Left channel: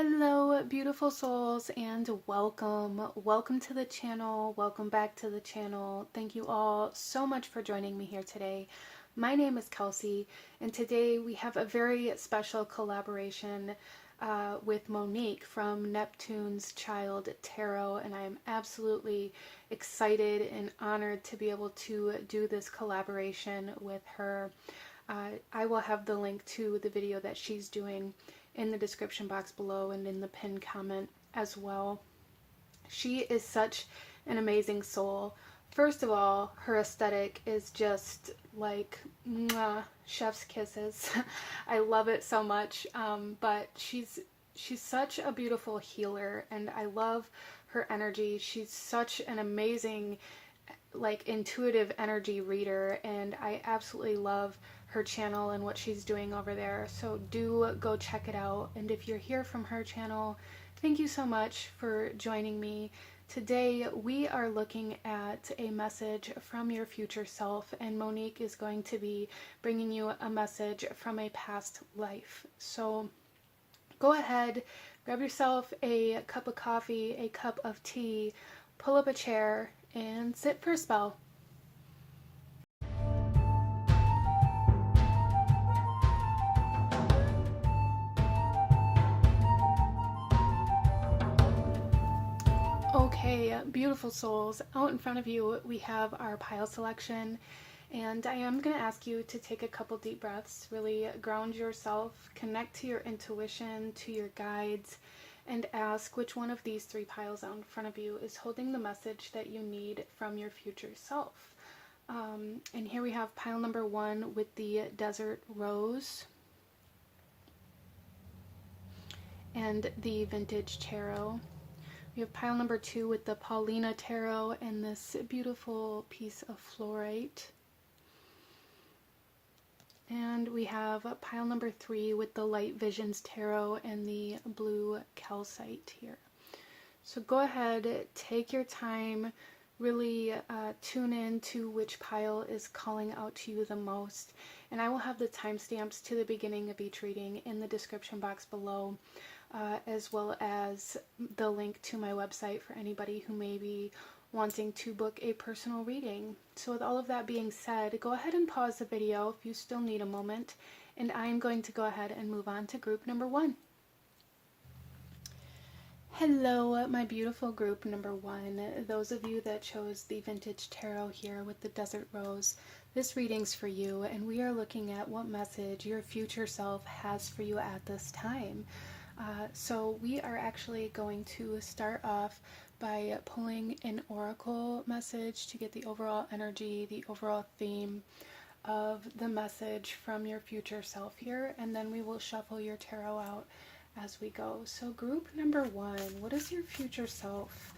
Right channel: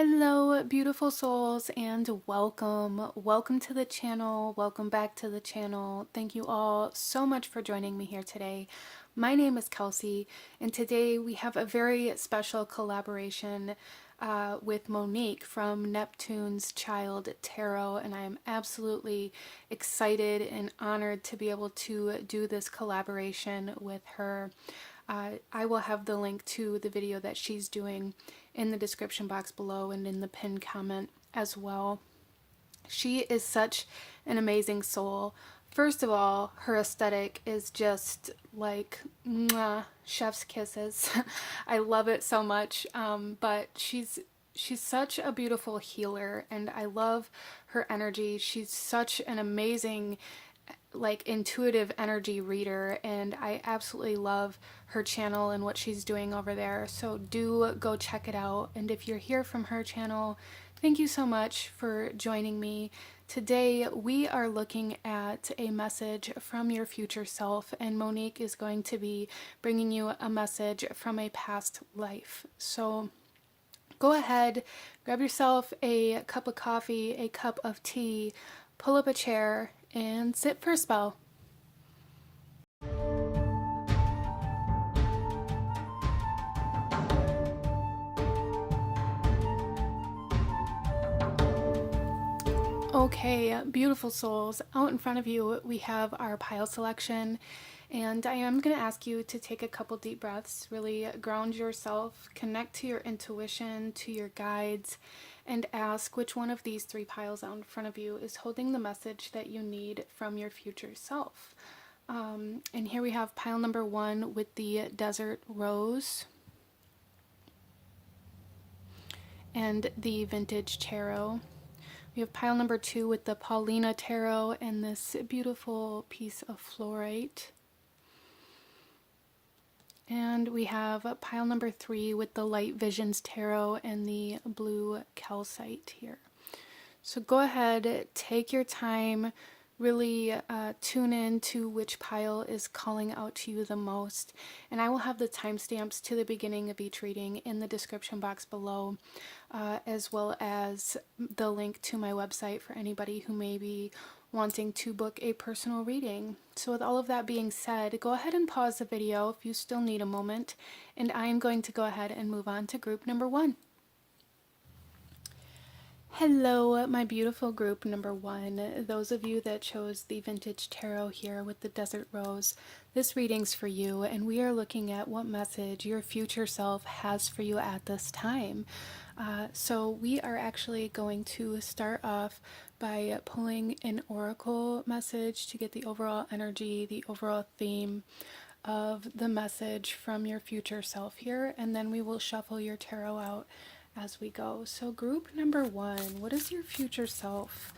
Hello, beautiful souls, and welcome. Welcome to the channel. Welcome back to the channel. Thank you all so much for joining me here today. My name is Kelsey, and today we have a very special collaboration with Monique from Neptune's Child Tarot, and I am absolutely excited and honored to be able to do this collaboration with her. I will have the link to the video that she's doing in the description box below and in the pinned comment as well. She is such an amazing soul. First of all, her aesthetic is just like mwah, chef's kisses. I love it so much. But she's such a beautiful healer, and I love her energy. She's such an amazing intuitive energy reader, and I absolutely love her channel and what she's doing over there. So do go check it out. And if you're here from her channel, thank you so much for joining me. Today we are looking at a message from your future self, and Monique is going to be bringing you a message from a past life. So go ahead, grab yourself a cup of coffee, a cup of tea, pull up a chair, and sit for a spell. Okay, beautiful souls, out in front of you we have our pile selection, and I am going to ask you to take a couple deep breaths, really ground yourself, connect to your intuition, to your guides, and ask which one of these three piles out in front of you is holding the message that you need from your future self. And here we have pile number 1 with the Desert Rose and the Vintage Tarot. We have pile number 2 with the Paulina Tarot and this beautiful piece of fluorite. And we have pile number 3 with the Light Visions Tarot and the blue calcite here. So go ahead, take your time, really tune in to which pile is calling out to you the most. And I will have the timestamps to the beginning of each reading in the description box below, as well as the link to my website for anybody who may be wanting to book a personal reading. So with all of that being said, go ahead and pause the video if you still need a moment, and I am going to go ahead and move on to group number 1. Hello, my beautiful group number 1. Those of you that chose the Vintage Tarot here with the Desert Rose, this reading's for you, and we are looking at what message your future self has for you at this time. So we are actually going to start off by pulling an oracle message to get the overall energy, the overall theme of the message from your future self here, and then we will shuffle your tarot out as we go. So group number 1, what does your future self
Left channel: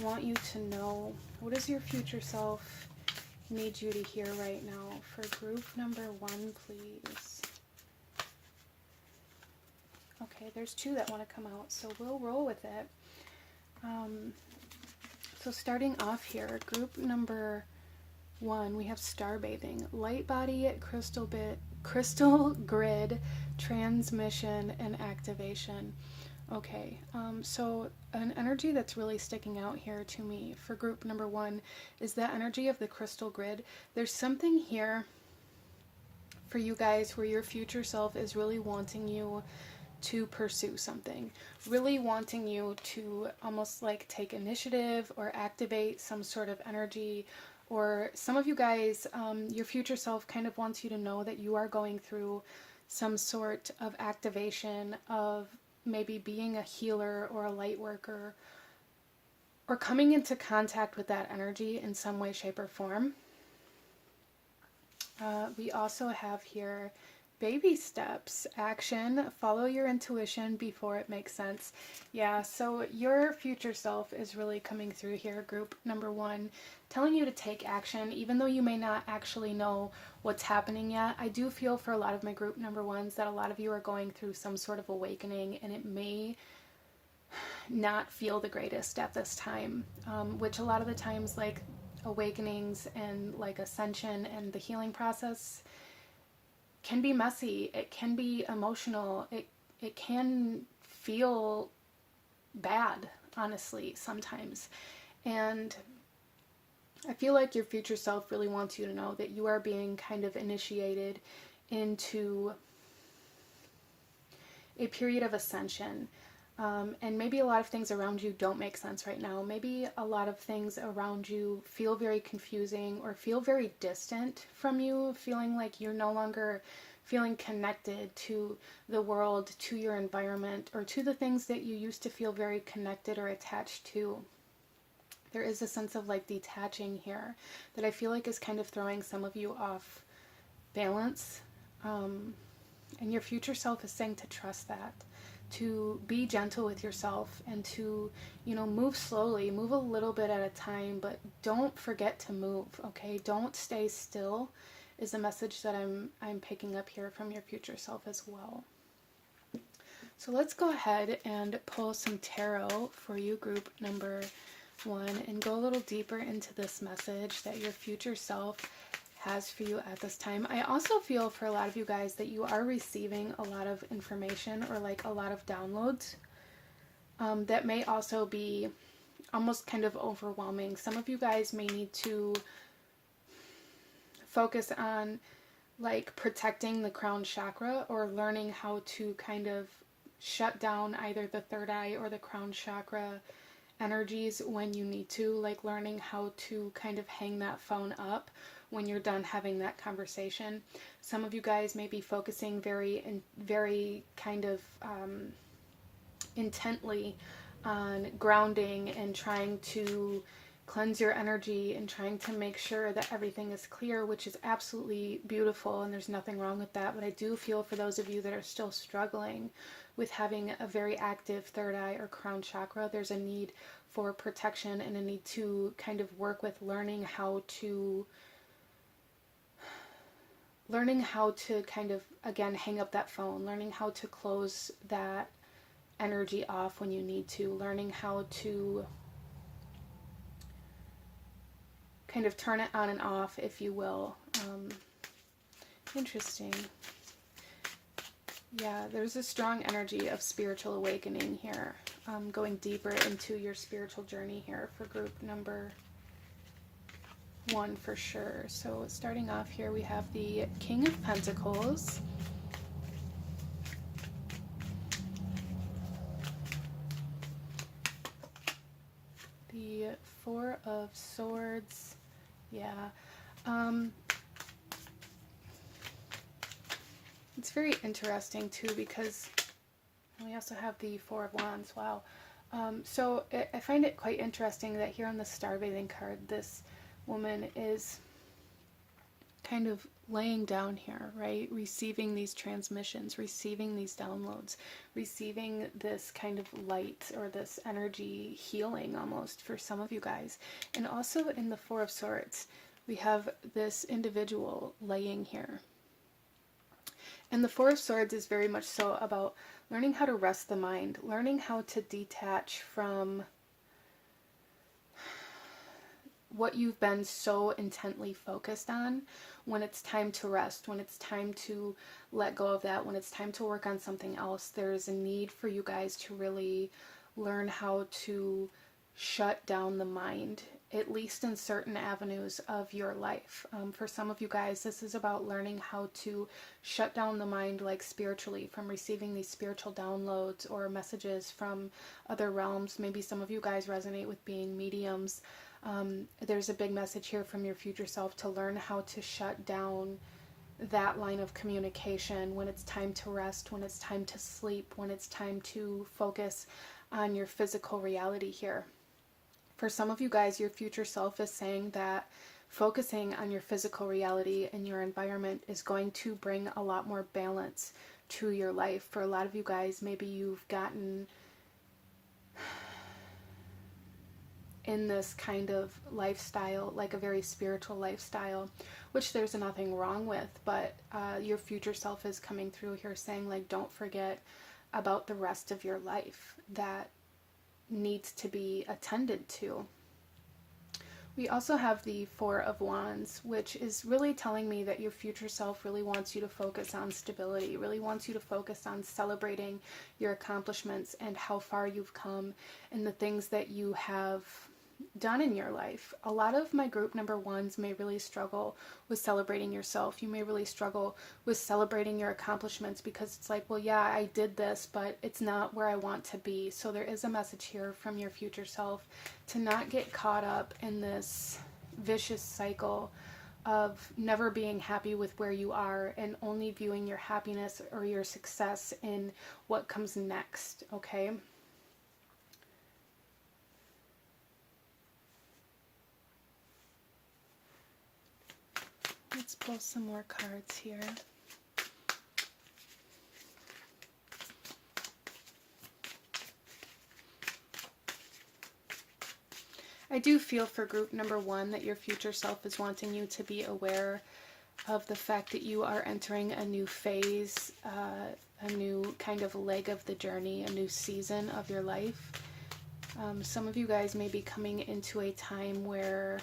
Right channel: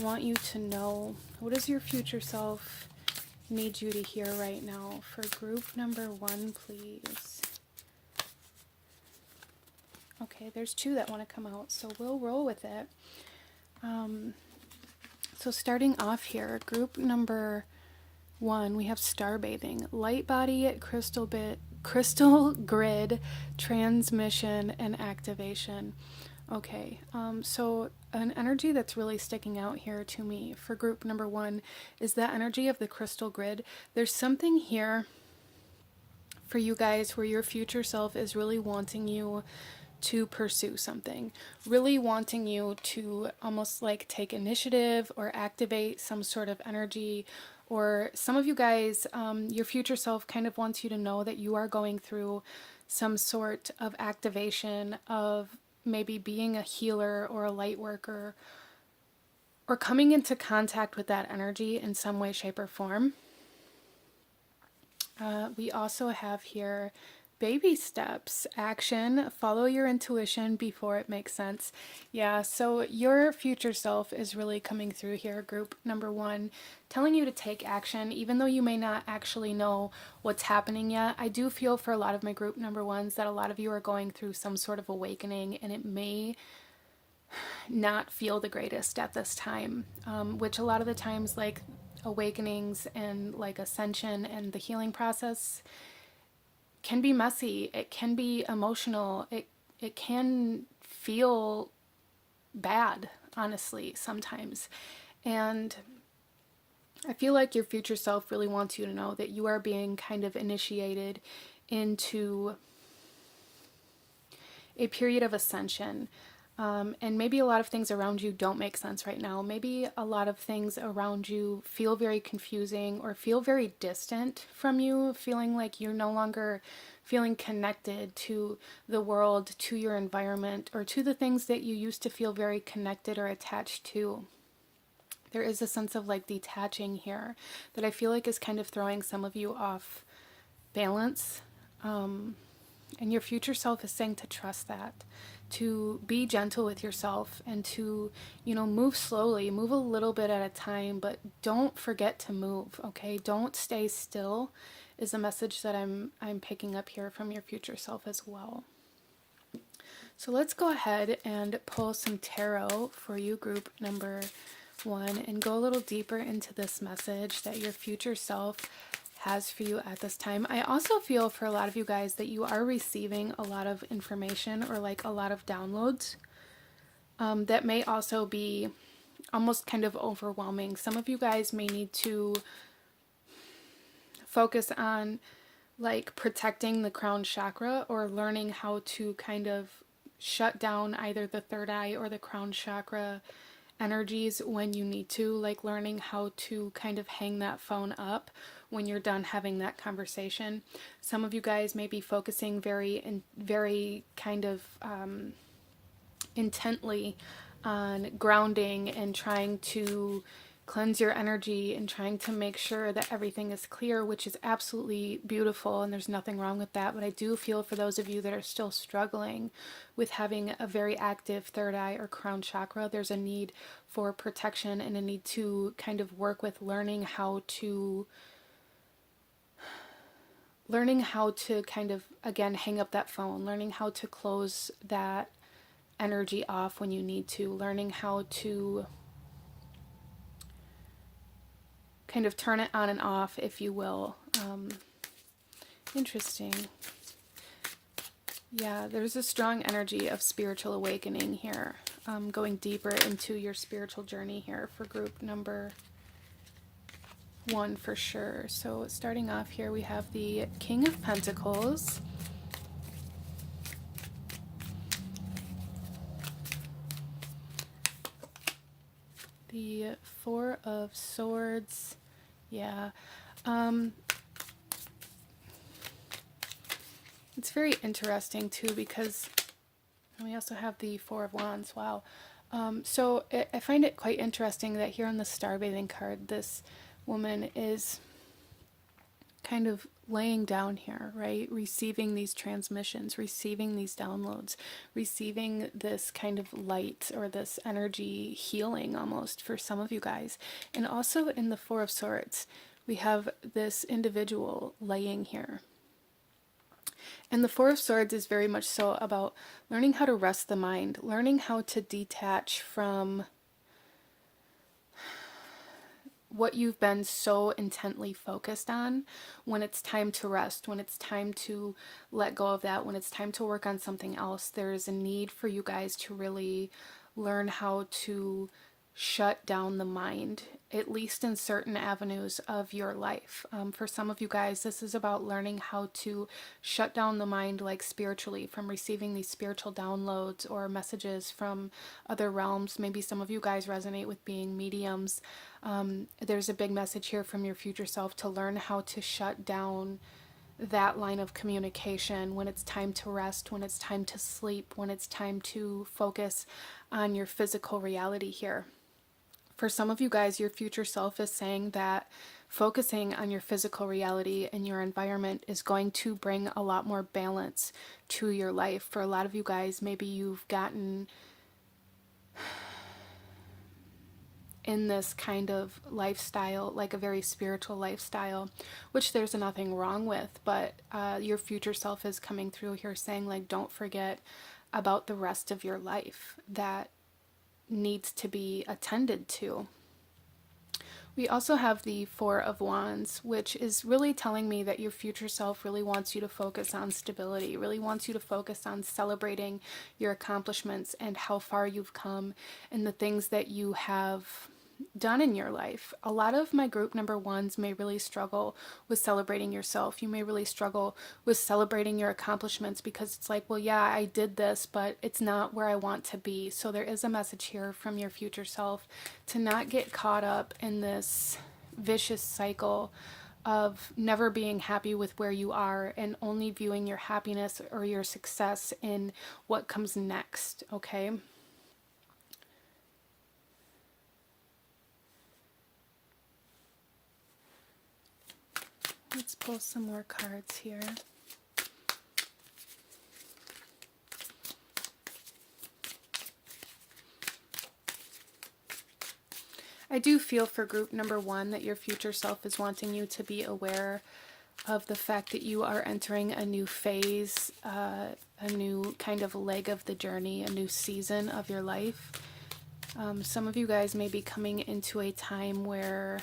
want you to know? What does your future self need you to hear right now? For group number 1, please. Okay, there's 2 that want to come out, so we'll roll with it. So starting off here, group number 1, we have starbathing, light body, crystal grid, transmission, and activation. Okay, so an energy that's really sticking out here to me for group number 1 is that energy of the crystal grid. There's something here for you guys where your future self is really wanting you to pursue something, really wanting you to almost like take initiative or activate some sort of energy. Or some of you guys, your future self kind of wants you to know that you are going through some sort of activation of maybe being a healer or a light worker, or coming into contact with that energy in some way, shape, or form. We also have here baby steps, action, follow your intuition before it makes sense. Yeah, so your future self is really coming through here, group number 1, telling you to take action, even though you may not actually know what's happening yet. I do feel for a lot of my group number 1s that a lot of you are going through some sort of awakening, and it may not feel the greatest at this time, which a lot of the times, like awakenings and like ascension and the healing process can be messy, it can be emotional, it can feel bad, honestly, sometimes. And I feel like your future self really wants you to know that you are being kind of initiated into a period of ascension. And maybe a lot of things around you don't make sense right now. Maybe a lot of things around you feel very confusing or feel very distant from you, feeling like you're no longer feeling connected to the world, to your environment, or to the things that you used to feel very connected or attached to. There is a sense of like detaching here that I feel like is kind of throwing some of you off balance. And your future self is saying to trust that, to be gentle with yourself, and to, move slowly, move a little bit at a time, but don't forget to move, okay? Don't stay still is a message that I'm picking up here from your future self as well. So let's go ahead and pull some tarot for you, group number 1, and go a little deeper into this message that your future self has for you at this time. I also feel for a lot of you guys that you are receiving a lot of information or like a lot of downloads that may also be almost kind of overwhelming. Some of you guys may need to focus on like protecting the crown chakra or learning how to kind of shut down either the third eye or the crown chakra energies when you need to, like learning how to kind of hang that phone up when you're done having that conversation. Some of you guys may be focusing very kind of intently on grounding and trying to cleanse your energy and trying to make sure that everything is clear, which is absolutely beautiful and there's nothing wrong with that. But I do feel for those of you that are still struggling with having a very active third eye or crown chakra, there's a need for protection and a need to kind of work with learning how to kind of, again, hang up that phone, learning how to close that energy off when you need to, learning how to kind of turn it on and off, if you will. Interesting. Yeah, there's a strong energy of spiritual awakening here, going deeper into your spiritual journey here for group number 1 for sure. So starting off here, we have the King of Pentacles, the Four of Swords. Yeah. It's very interesting too because we also have the Four of Wands. Wow. So I find it quite interesting that here on the Star Bathing card, this woman is kind of laying down here, right? Receiving these transmissions, receiving these downloads, receiving this kind of light or this energy healing almost for some of you guys. And also in the Four of Swords, we have this individual laying here. And the Four of Swords is very much so about learning how to rest the mind, learning how to detach from what you've been so intently focused on when it's time to rest, when it's time to let go of that, when it's time to work on something else. There is a need for you guys to really learn how to shut down the mind, at least in certain avenues of your life. For some of you guys, this is about learning how to shut down the mind, like spiritually, from receiving these spiritual downloads or messages from other realms. Maybe some of you guys resonate with being mediums. There's a big message here from your future self to learn how to shut down that line of communication when it's time to rest, when it's time to sleep, when it's time to focus on your physical reality here. For some of you guys, your future self is saying that focusing on your physical reality and your environment is going to bring a lot more balance to your life. For a lot of you guys, maybe you've gotten in this kind of lifestyle, like a very spiritual lifestyle, which there's nothing wrong with, but your future self is coming through here saying, like, don't forget about the rest of your life that needs to be attended to. We also have the Four of Wands, which is really telling me that your future self really wants you to focus on stability, really wants you to focus on celebrating your accomplishments and how far you've come and the things that you have done in your life. A lot of my group number ones may really struggle with celebrating yourself. You may really struggle with celebrating your accomplishments because it's like, well, yeah, I did this, but it's not where I want to be. So there is a message here from your future self to not get caught up in this vicious cycle of never being happy with where you are and only viewing your happiness or your success in what comes next, okay? Let's pull some more cards here. I do feel for group number one that your future self is wanting you to be aware of the fact that you are entering a new phase, a new kind of leg of the journey, a new season of your life. Some of you guys may be coming into a time where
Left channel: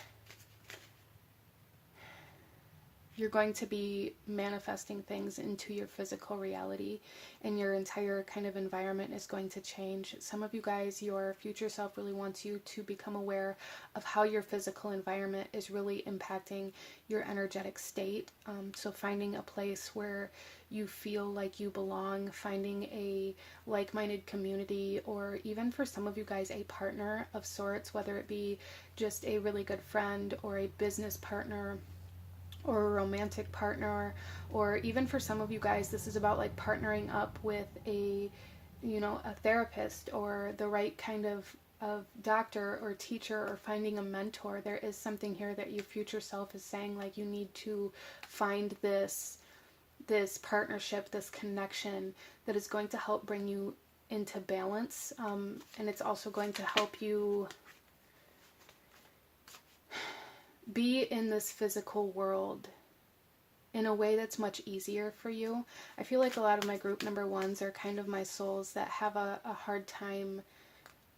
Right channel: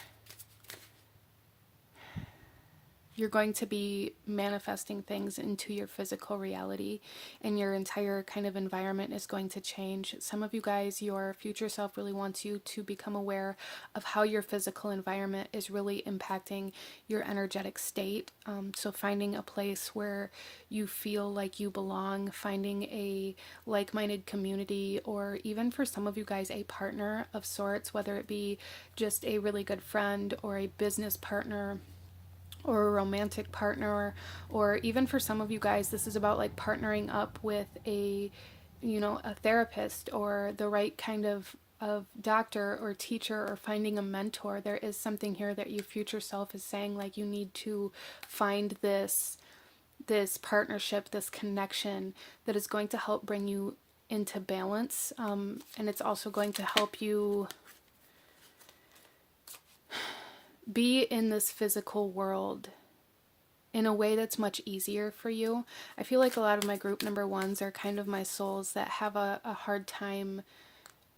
you're going to be manifesting things into your physical reality and your entire kind of environment is going to change. Some of you guys, your future self really wants you to become aware of how your physical environment is really impacting your energetic state. So finding a place where you feel like you belong, finding a like-minded community, or even for some of you guys, a partner of sorts, whether it be just a really good friend or a business partner or a romantic partner, or even for some of you guys, this is about like partnering up with a therapist or the right kind of doctor or teacher, or finding a mentor. There is something here that your future self is saying, like, you need to find this partnership, this connection that is going to help bring you into balance, and it's also going to help you be in this physical world in a way that's much easier for you. I feel like a lot of my group number ones are kind of my souls that have a hard time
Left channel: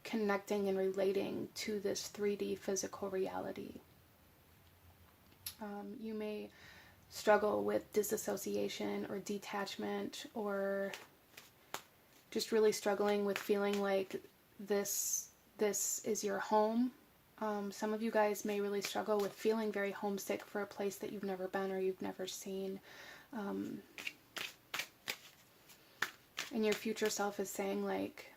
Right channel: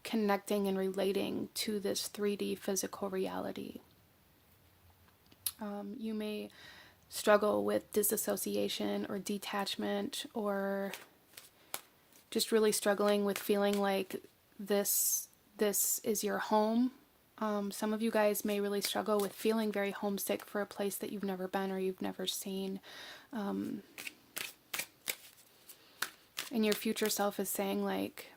connecting and relating to this 3D physical reality. You may struggle with disassociation or detachment, or just really struggling with feeling like this is your home. Some of you guys may really struggle with feeling very homesick for a place that you've never been or you've never seen. And your future self is saying, like,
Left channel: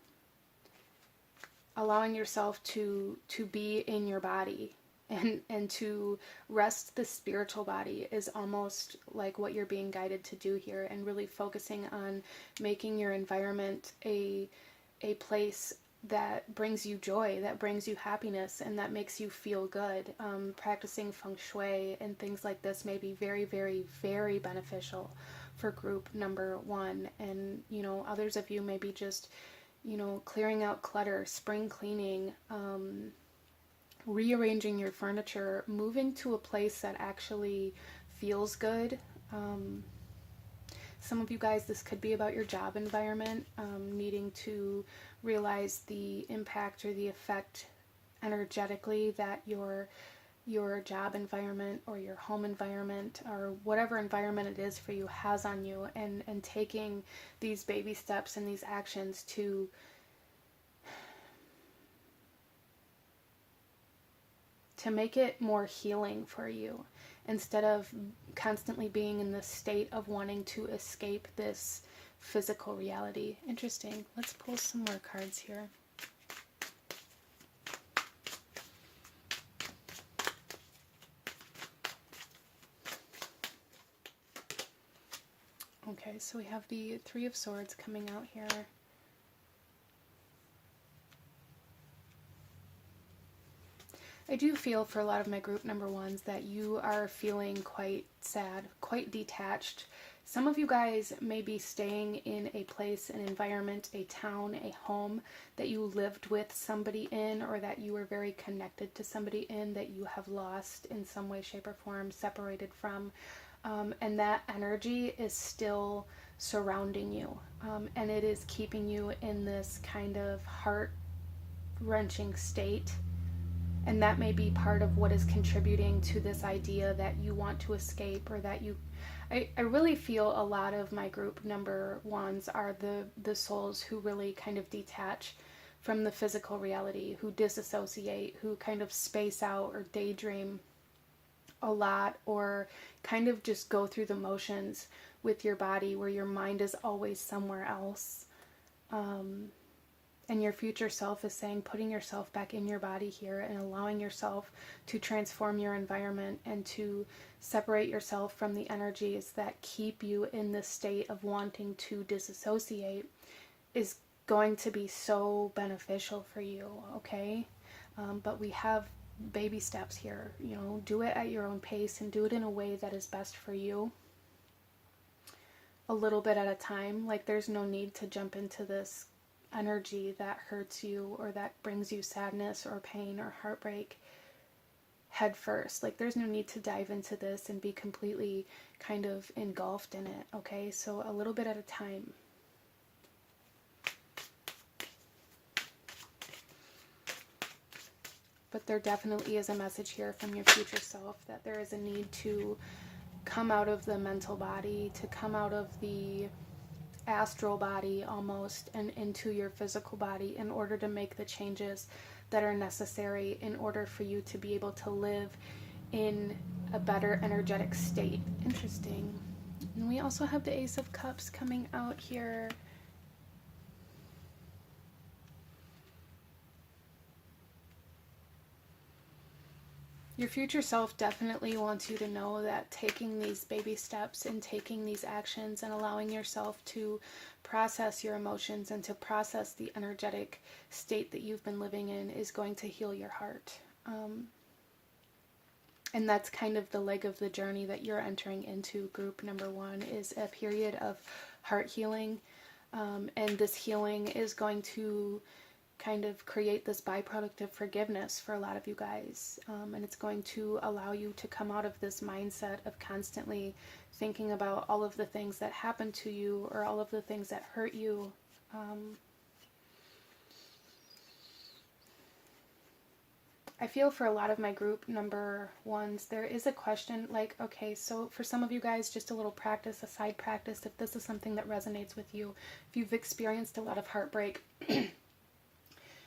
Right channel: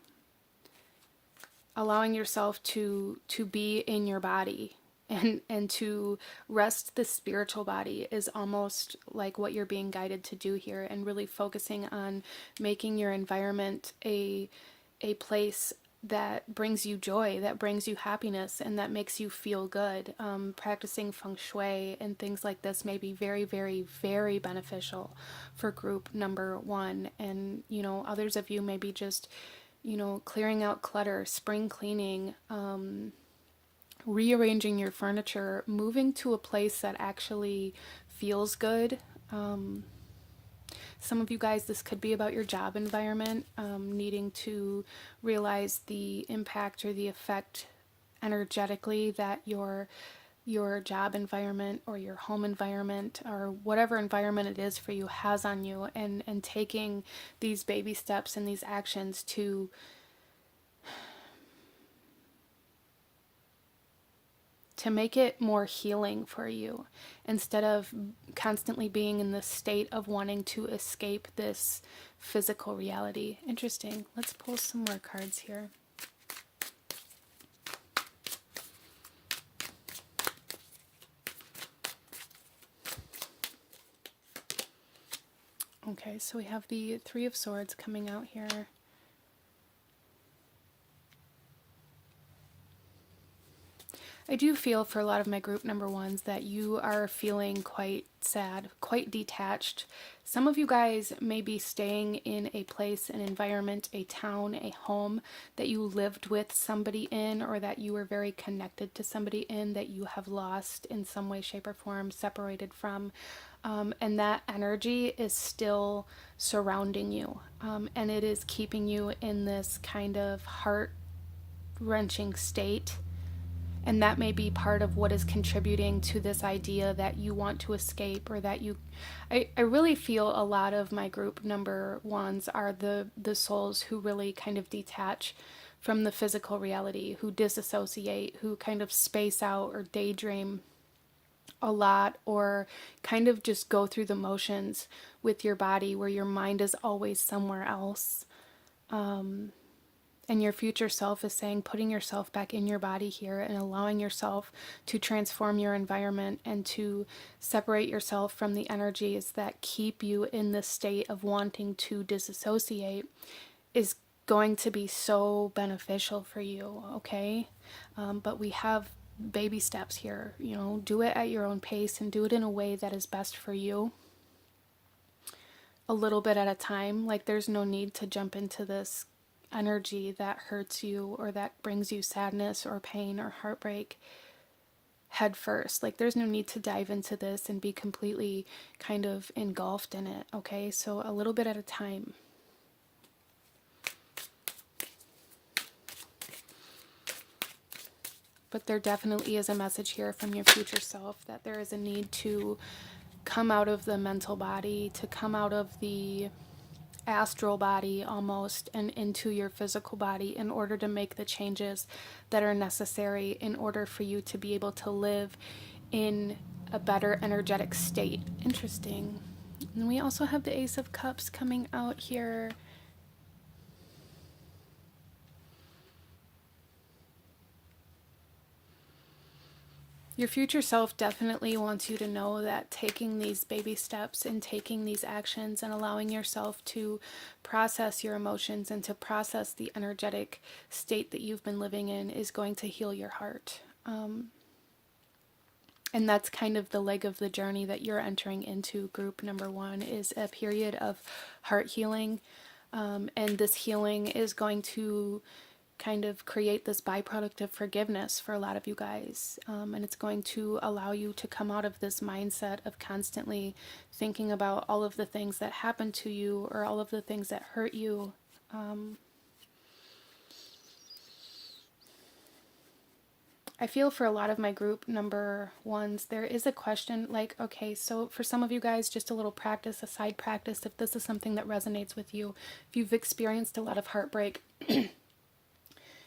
allowing yourself to be in your body and to rest the spiritual body is almost like what you're being guided to do here, and really focusing on making your environment a place that brings you joy, that brings you happiness, and that makes you feel good. Practicing feng shui and things like this may be very, very, very beneficial for group number one. And, others of you may be just, clearing out clutter, spring cleaning, rearranging your furniture, moving to a place that actually feels good. Some of you guys, this could be about your job environment, needing to realize the impact or the effect energetically that your job environment or your home environment or whatever environment it is for you has on you, and taking these baby steps and these actions to make it more healing for you, instead of constantly being in this state of wanting to escape this physical reality. Interesting. Let's pull some more cards here. Okay, so we have the Three of Swords coming out here. I do feel for a lot of my group number ones that you are feeling quite sad, quite detached. Some of you guys may be staying in a place, an environment, a town, a home that you lived with somebody in, or that you were very connected to somebody in, that you have lost in some way, shape, or form, separated from. And that energy is still surrounding you. And it is keeping you in this kind of heart-wrenching state. And that may be part of what is contributing to this idea that you want to escape, or that you, I really feel a lot of my group number ones are the souls who really kind of detach from the physical reality, who disassociate, who kind of space out or daydream a lot, or kind of just go through the motions with your body, where your mind is always somewhere else. And your future self is saying, putting yourself back in your body here and allowing yourself to transform your environment and to separate yourself from the energies that keep you in this state of wanting to disassociate is going to be so beneficial for you, okay? But we have baby steps here. You know, do it at your own pace and do it in a way that is best for you, a little bit at a time. Like, there's no need to jump into this energy that hurts you or that brings you sadness or pain or heartbreak head first. Like, there's no need to dive into this and be completely kind of engulfed in it, okay? So a little bit at a time. But there definitely is a message here from your future self that there is a need to come out of the mental body, to come out of the astral body almost, and into your physical body in order to make the changes that are necessary in order for you to be able to live in a better energetic state. Interesting. And we also have the Ace of Cups coming out here. Your future self definitely wants you to know that taking these baby steps and taking these actions and allowing yourself to process your emotions and to process the energetic state that you've been living in is going to heal your heart. And that's kind of the leg of the journey that you're entering into, group number one, is a period of heart healing. And this healing is going to kind of create this byproduct of forgiveness for a lot of you guys. And it's going to allow you to come out of this mindset of constantly thinking about all of the things that happened to you or all of the things that hurt you. I feel for a lot of my group number ones, there is a question like, okay, so for some of you guys, just a little practice, a side practice, if this is something that resonates with you, if you've experienced a lot of heartbreak,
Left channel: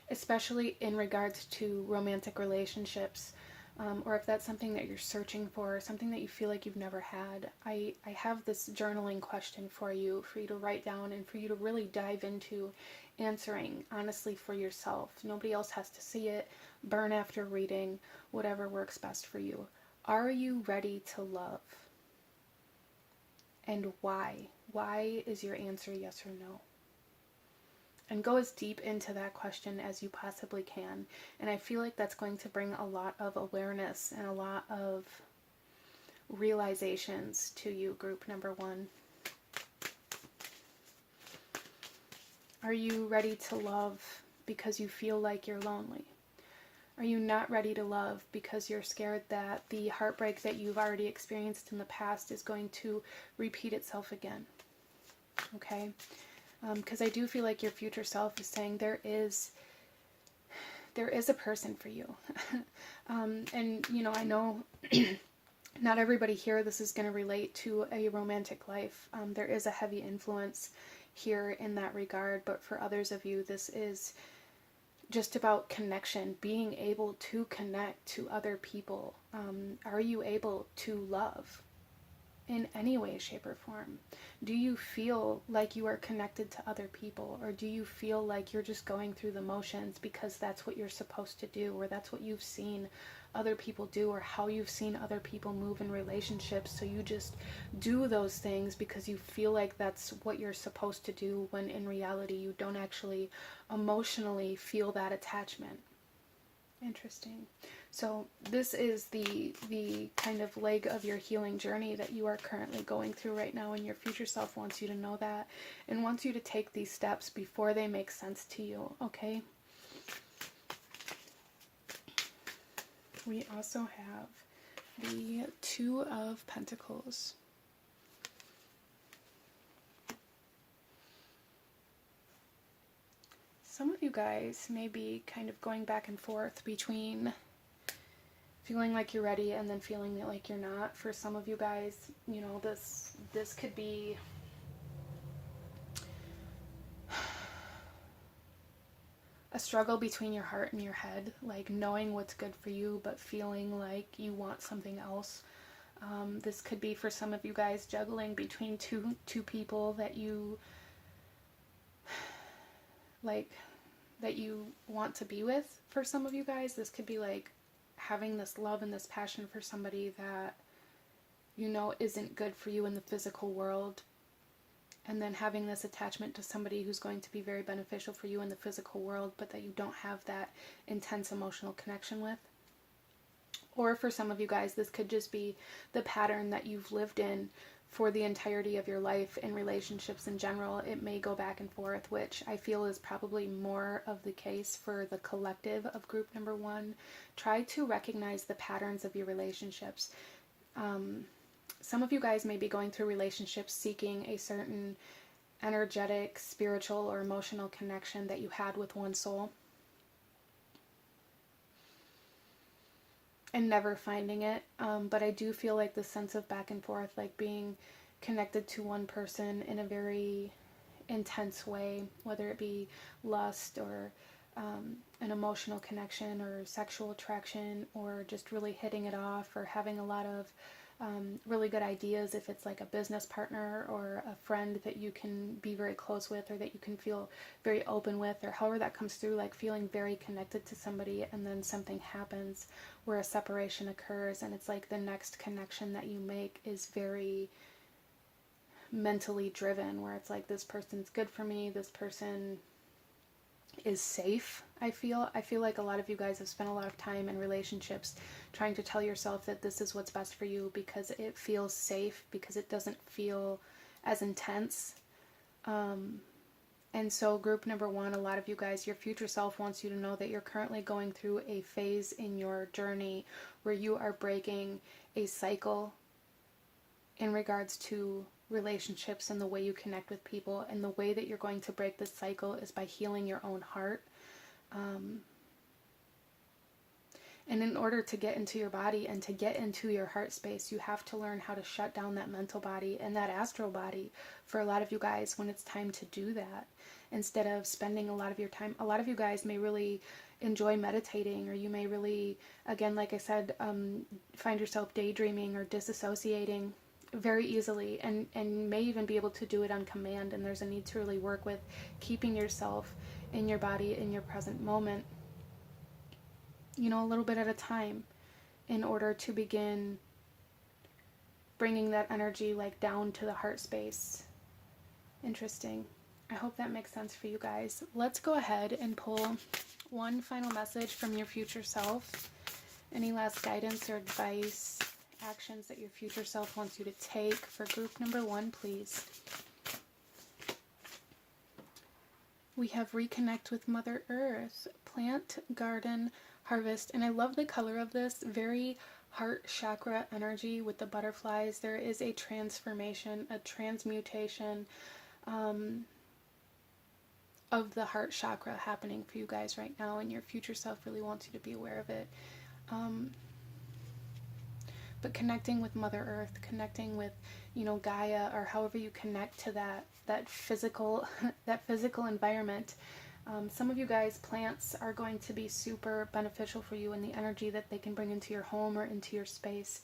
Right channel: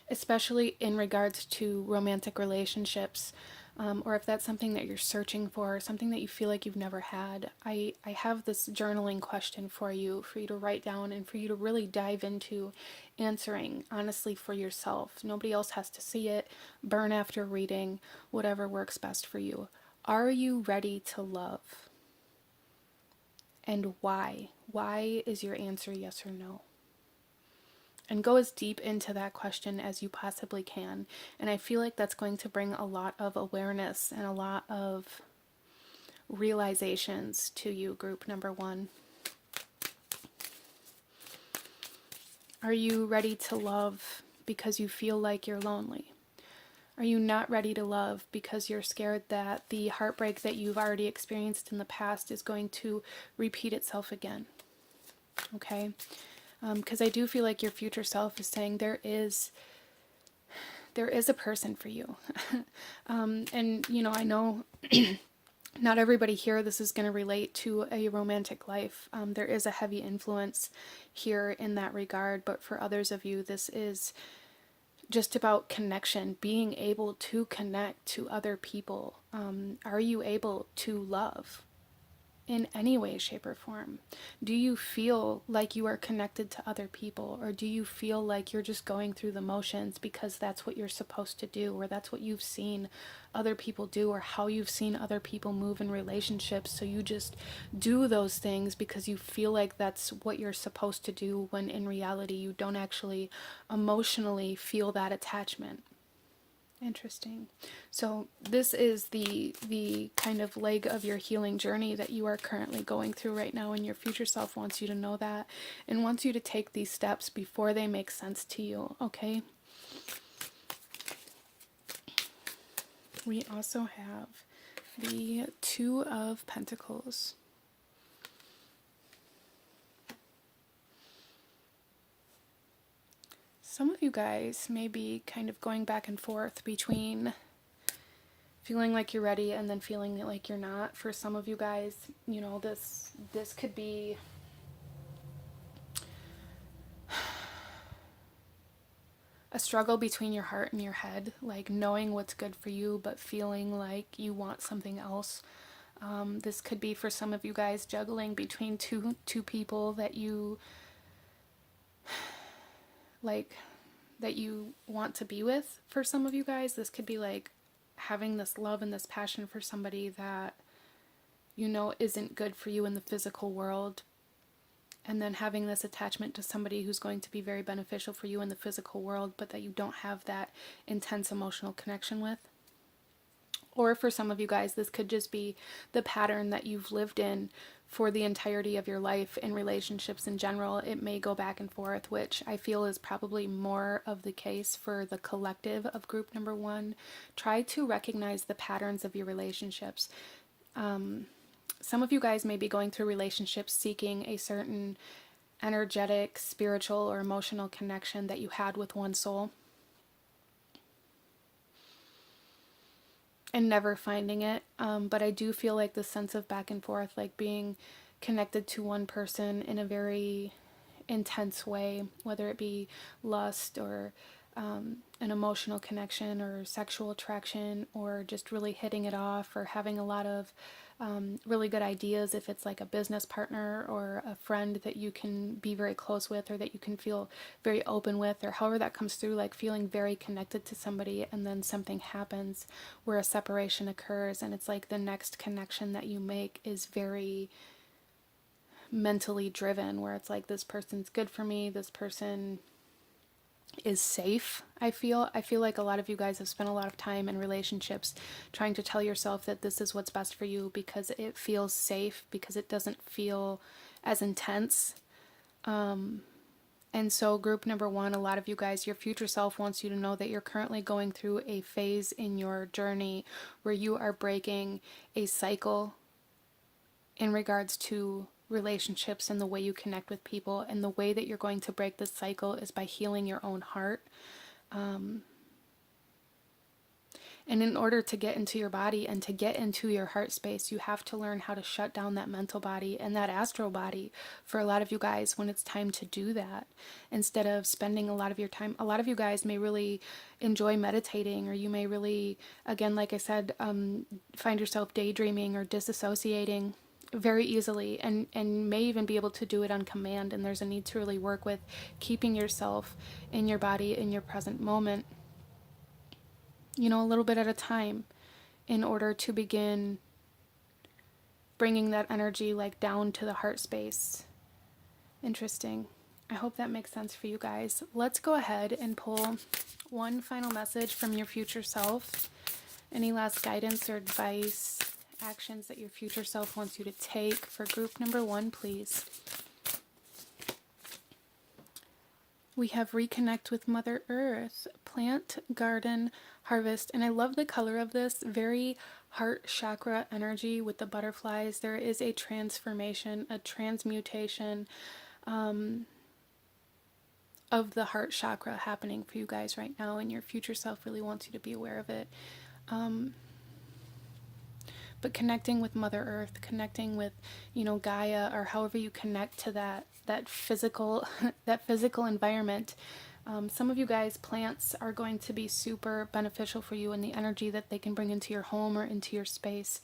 especially in regards to romantic relationships, or if that's something that you're searching for, something that you feel like you've never had, I have this journaling question for you to write down and for you to really dive into answering honestly for yourself. Nobody else has to see it. Burn after reading, whatever works best for you. Are you ready to love? And why? Why is your answer yes or no? And go as deep into that question as you possibly can. And I feel like that's going to bring a lot of awareness and a lot of realizations to you, group number one. Are you ready to love because you feel like you're lonely? Are you not ready to love because you're scared that the heartbreak that you've already experienced in the past is going to repeat itself again? Okay? Because I do feel like your future self is saying there is a person for you. And, you know, I know not everybody here, this is going to relate to a romantic life. There is a heavy influence here in that regard, but for others of you, this is just about connection, being able to connect to other people. Are you able to love in any way, shape, or form? Do you feel like you are connected to other people, or do you feel like you're just going through the motions because that's what you're supposed to do, or that's what you've seen other people do, or how you've seen other people move in relationships, so you just do those things because you feel like that's what you're supposed to do, when in reality you don't actually emotionally feel that attachment? Interesting. So this is the kind of leg of your healing journey that you are currently going through right now, and your future self wants you to know that and wants you to take these steps before they make sense to you, okay? We also have the Two of Pentacles. Some of you guys may be kind of going back and forth between feeling like you're ready and then feeling like you're not. For some of you guys, you know, this could be a struggle between your heart and your head, like knowing what's good for you but feeling like you want something else. This could be for some of you guys juggling between two people that you like, that you want to be with. For some of you guys, this could be like having this love and this passion for somebody that you know isn't good for you in the physical world, and then having this attachment to somebody who's going to be very beneficial for you in the physical world, but that you don't have that intense emotional connection with. Or for some of you guys, this could just be the pattern that you've lived in for the entirety of your life in relationships in general. It may go back and forth, which I feel is probably more of the case for the collective of group number 1. Try to recognize the patterns of your relationships. Some of you guys may be going through relationships seeking a certain energetic, spiritual, or emotional connection that you had with one soul, and never finding it. But I do feel like the sense of back and forth, like being connected to one person in a very intense way, whether it be lust or an emotional connection or sexual attraction, or just really hitting it off, or having a lot of really good ideas if it's like a business partner or a friend that you can be very close with, or that you can feel very open with, or however that comes through, like feeling very connected to somebody, and then something happens where a separation occurs, and it's like the next connection that you make is very mentally driven, where it's like, this person's good for me, this person is safe. I feel like a lot of you guys have spent a lot of time in relationships trying to tell yourself that this is what's best for you because it feels safe, because it doesn't feel as intense. And so group number 1, a lot of you guys, your future self wants you to know that you're currently going through a phase in your journey where you are breaking a cycle in regards to relationships and the way you connect with people. And the way that you're going to break this cycle is by healing your own heart. And in order to get into your body and to get into your heart space, you have to learn how to shut down that mental body and that astral body. For a lot of you guys, when it's time to do that, instead of spending a lot of your time, a lot of you guys may really enjoy meditating, or you may really, again, like I said, find yourself daydreaming or disassociating very easily, and may even be able to do it on command. And there's a need to really work with keeping yourself in your body in your present moment, you know, a little bit at a time, in order to begin bringing that energy like down to the heart space. Interesting. I hope that makes sense for you guys. Let's go ahead and pull one final message from your future self. Any last guidance or advice, actions that your future self wants you to take for group number 1, please. We have reconnect with Mother Earth, plant, garden, harvest. And I love the color of this, very heart chakra energy with the butterflies. There is a transformation, a transmutation of the heart chakra happening for you guys right now, and your future self really wants you to be aware of it. But connecting with Mother Earth, connecting with, you know, Gaia, or however you connect to that physical that physical environment. Some of you guys, plants are going to be super beneficial for you, and the energy that they can bring into your home or into your space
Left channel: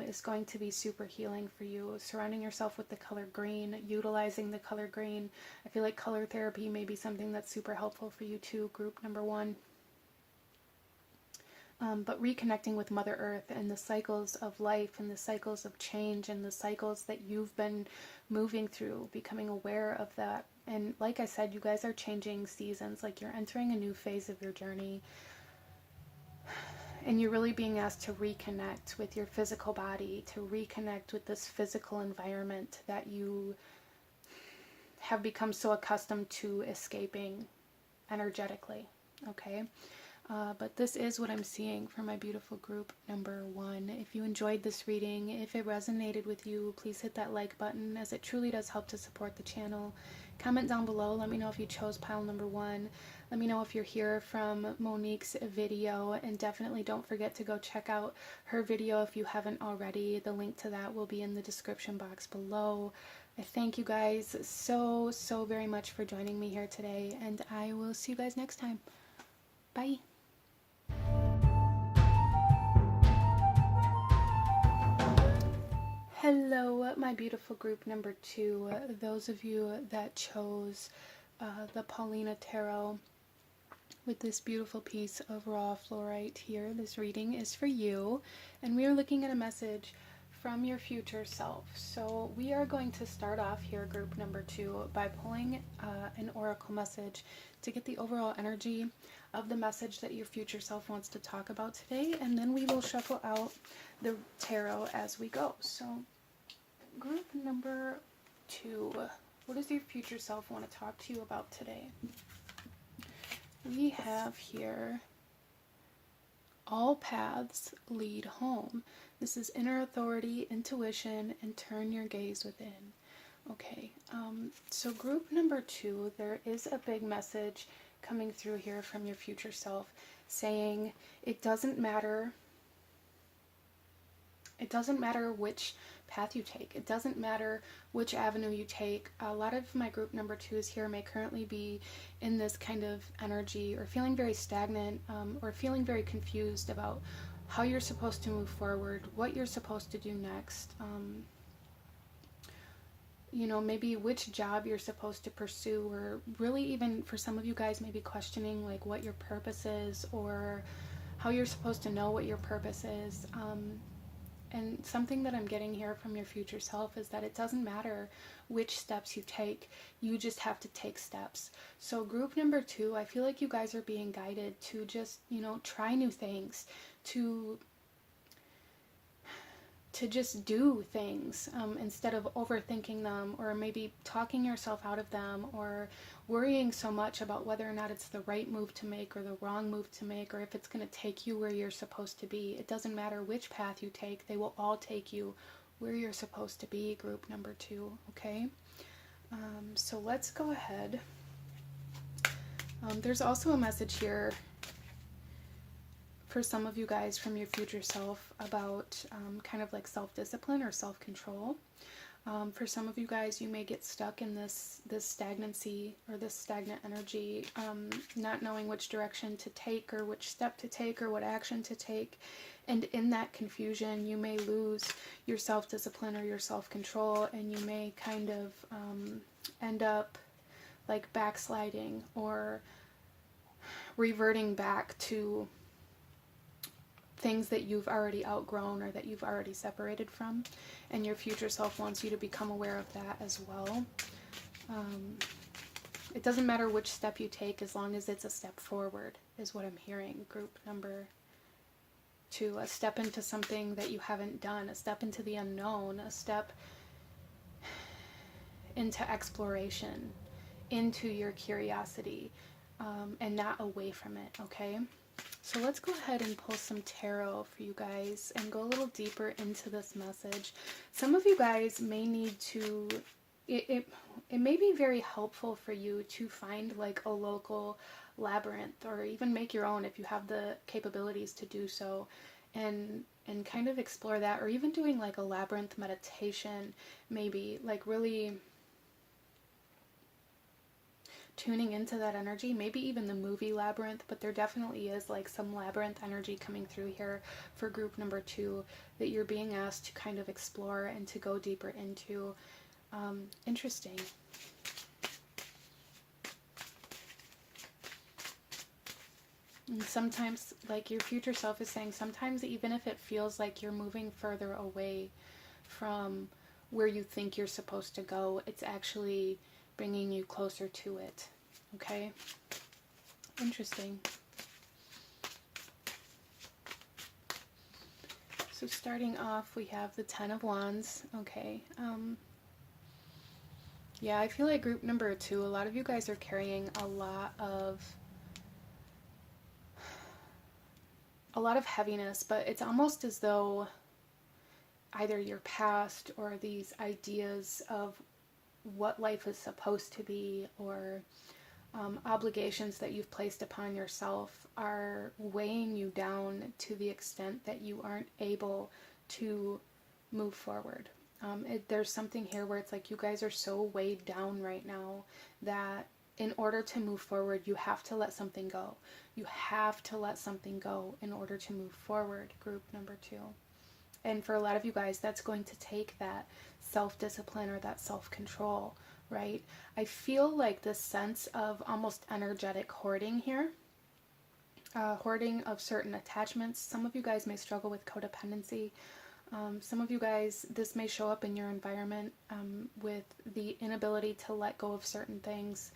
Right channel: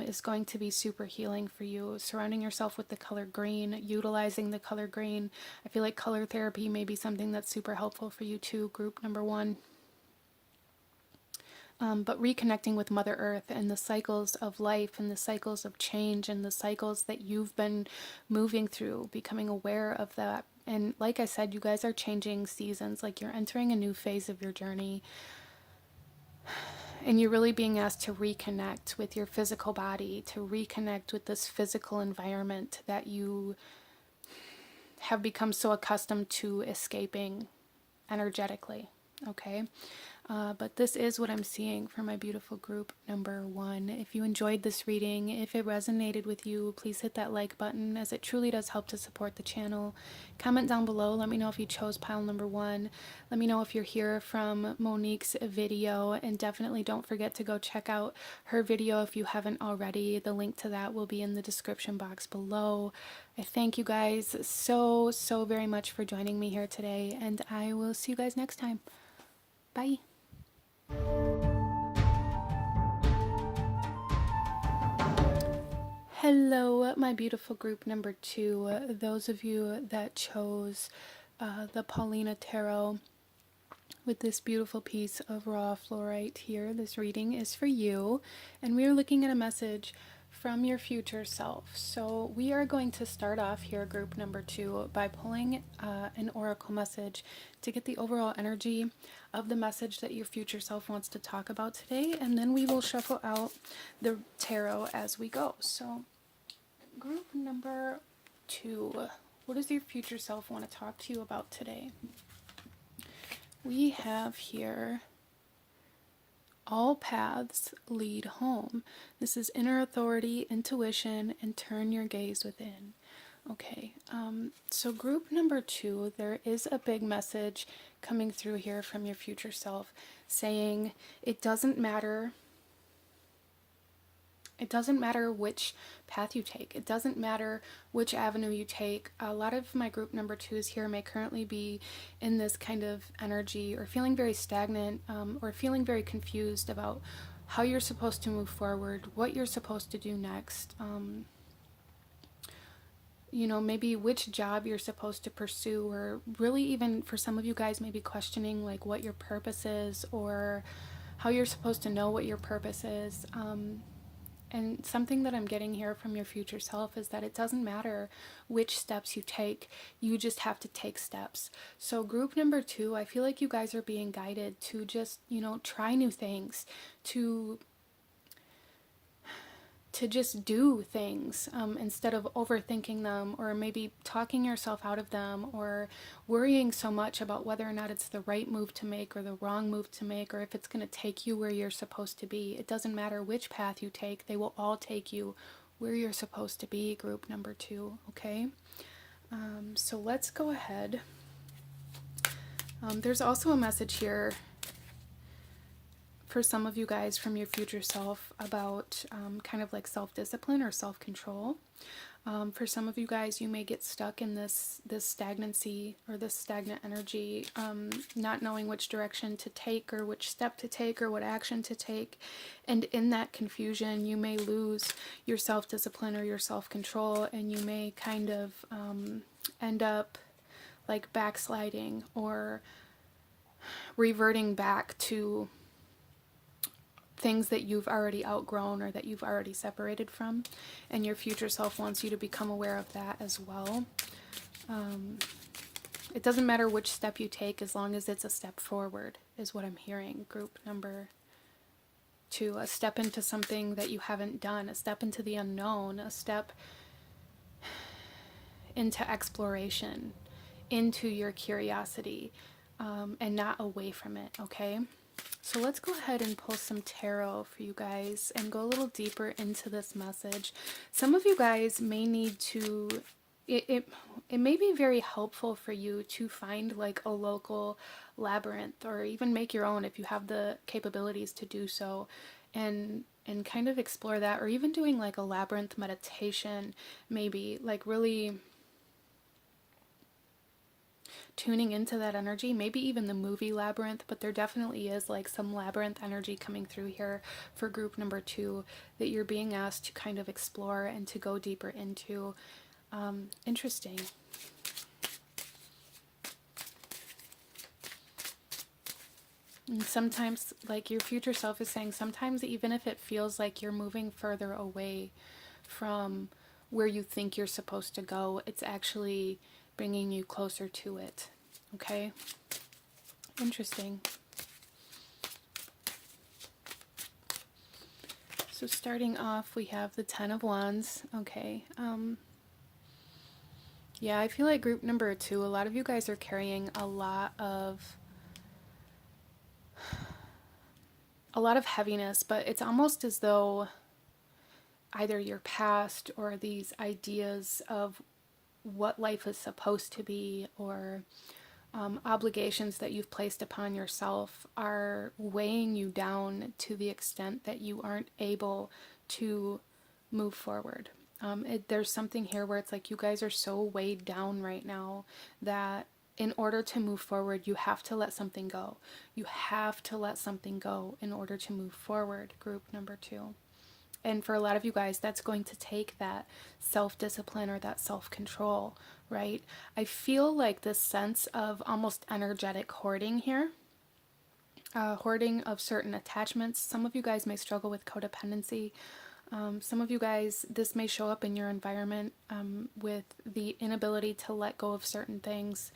is going to be super healing for you. Surrounding yourself with the color green, utilizing the color green. I feel like color therapy may be something that's super helpful for you too, group number 1. But reconnecting with Mother Earth and the cycles of life and the cycles of change and the cycles that you've been moving through, becoming aware of that. And like I said, you guys are changing seasons, like you're entering a new phase of your journey. And you're really being asked to reconnect with your physical body, to reconnect with this physical environment that you have become so accustomed to escaping energetically, okay? But this is what I'm seeing for my beautiful group number 1. If you enjoyed this reading, if it resonated with you, please hit that like button, as it truly does help to support the channel. Comment down below. Let me know if you chose pile number 1. Let me know if you're here from Monique's video, and definitely don't forget to go check out her video if you haven't already. The link to that will be in the description box below. I thank you guys so very much for joining me here today, and I will see you guys next time. Bye. Hello, my beautiful group number 2. Those of you that chose the Paulina Tarot with this beautiful piece of raw fluorite here, this reading is for you, and we are looking at a message from your future self. So we are going to start off here, group number 2, by pulling an oracle message to get the overall energy of the message that your future self wants to talk about today, and then we will shuffle out the tarot as we go. So group number 2, what does your future self want to talk to you about today? We have here, all paths lead home. This is inner authority, intuition, and turn your gaze within. Okay, so group number 2, there is a big message coming through here from your future self saying it doesn't matter which path you take. It doesn't matter which avenue you take. A lot of my group number 2s here may currently be in this kind of energy, or feeling very stagnant, or feeling very confused about how you're supposed to move forward, what you're supposed to do next. You know, maybe which job you're supposed to pursue, or really even for some of you guys maybe questioning like what your purpose is, or how you're supposed to know what your purpose is. And something that I'm getting here from your future self is that it doesn't matter which steps you take, you just have to take steps. So group number 2, I feel like you guys are being guided to just, you know, try new things, to just do things instead of overthinking them, or maybe talking yourself out of them, or worrying so much about whether or not it's the right move to make or the wrong move to make, or if it's going to take you where you're supposed to be. It doesn't matter which path you take, they will all take you where you're supposed to be, group number 2, okay? So let's go ahead. There's also a message here for some of you guys from your future self about kind of like self-discipline or self-control. For some of you guys, you may get stuck in this stagnancy, or this stagnant energy, not knowing which direction to take, or which step to take, or what action to take. And in that confusion, you may lose your self-discipline or your self-control, and you may kind of end up like backsliding or reverting back to things that you've already outgrown or that you've already separated from, and your future self wants you to become aware of that as well. It doesn't matter which step you take as long as it's a step forward, is what I'm hearing, group number 2. A step into something that you haven't done, a step into the unknown, a step into exploration, into your curiosity, and not away from it, okay? So let's go ahead and pull some tarot for you guys and go a little deeper into this message. Some of you guys may need to, it may be very helpful for you to find like a local labyrinth, or even make your own if you have the capabilities to do so, and kind of explore that, or even doing like a labyrinth meditation, maybe like really tuning into that energy, maybe even the movie Labyrinth, but there definitely is like some labyrinth energy coming through here for group number 2 that you're being asked to kind of explore and to go deeper into. Interesting. And sometimes, like your future self is saying, sometimes even if it feels like you're moving further away from where you think you're supposed to go, it's actually bringing you closer to it. Okay? Interesting. So starting off, we have the 10 of Wands. Okay. Yeah, I feel like group number 2, a lot of you guys are carrying a lot of a lot of heaviness, but it's almost as though either your past or these ideas of what life is supposed to be, or obligations that you've placed upon yourself are weighing you down to the extent that you aren't able to move forward. There's something here where it's like you guys are so weighed down right now that in order to move forward, you have to let something go. You have to let something go in order to move forward, group number 2. And for a lot of you guys, that's going to take that self-discipline or that self-control, right? I feel like this sense of almost energetic hoarding here, hoarding of certain attachments. Some of you guys may struggle with codependency. Some of you guys, this may show up in your environment with the inability to let go of certain things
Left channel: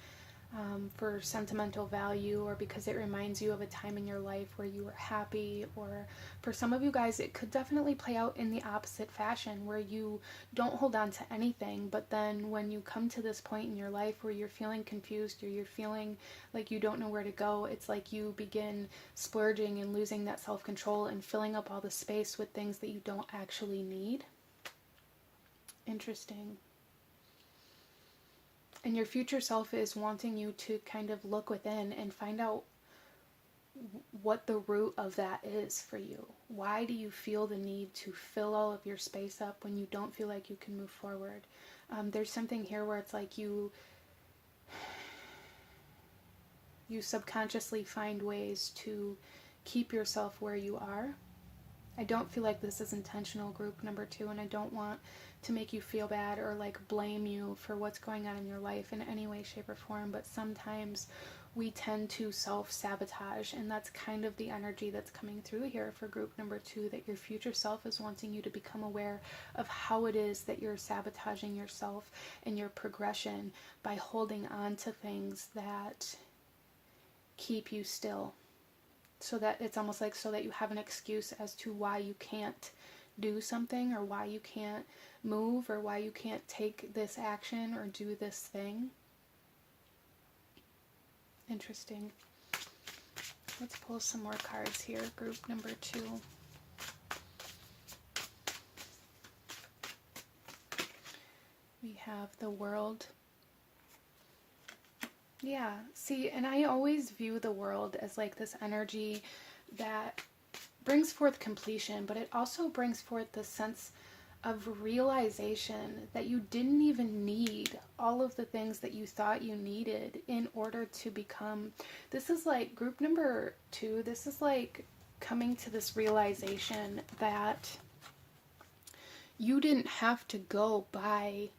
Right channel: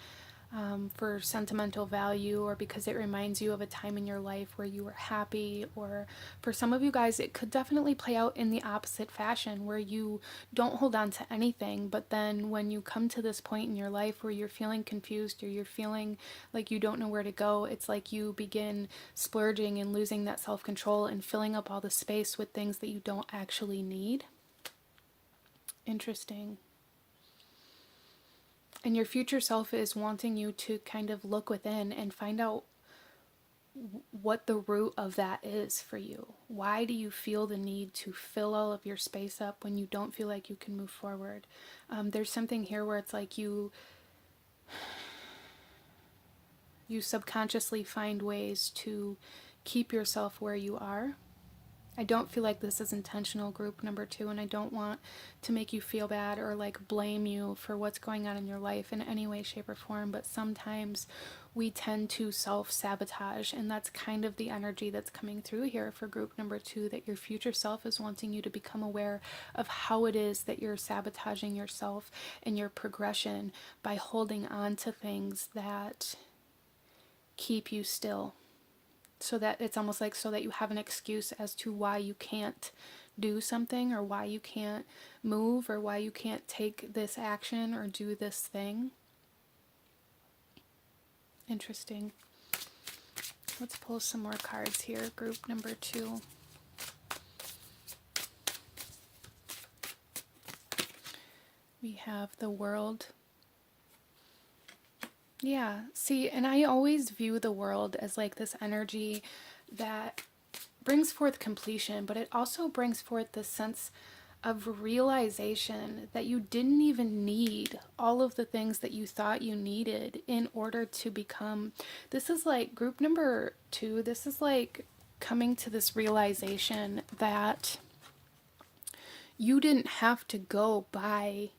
for sentimental value, or because it reminds you of a time in your life where you were happy. Or for some of you guys, it could definitely play out in the opposite fashion, where you don't hold on to anything, but then when you come to this point in your life where you're feeling confused or you're feeling like you don't know where to go, it's like you begin splurging and losing that self-control and filling up all the space with things that you don't actually need. Interesting. And your future self is wanting you to kind of look within and find out what the root of that is for you. Why do you feel the need to fill all of your space up when you don't feel like you can move forward? There's something here where it's like you subconsciously find ways to keep yourself where you are. I don't feel like this is intentional, group number 2, and I don't want to make you feel bad or like blame you for what's going on in your life in any way, shape, or form, but sometimes we tend to self-sabotage, and that's kind of the energy that's coming through here for group number 2, that your future self is wanting you to become aware of how it is that you're sabotaging yourself and your progression by holding on to things that keep you still. So that it's almost like so that you have an excuse as to why you can't do something, or why you can't move, or why you can't take this action or do this thing. Interesting. Let's pull some more cards here, group number 2. We have the World. Yeah, see, and I always view the World as like this energy that brings forth completion, but it also brings forth this sense of realization that you didn't even need all of the things that you thought you needed in order to become. This is like group number 2, this is like coming to this realization that you didn't have to go buy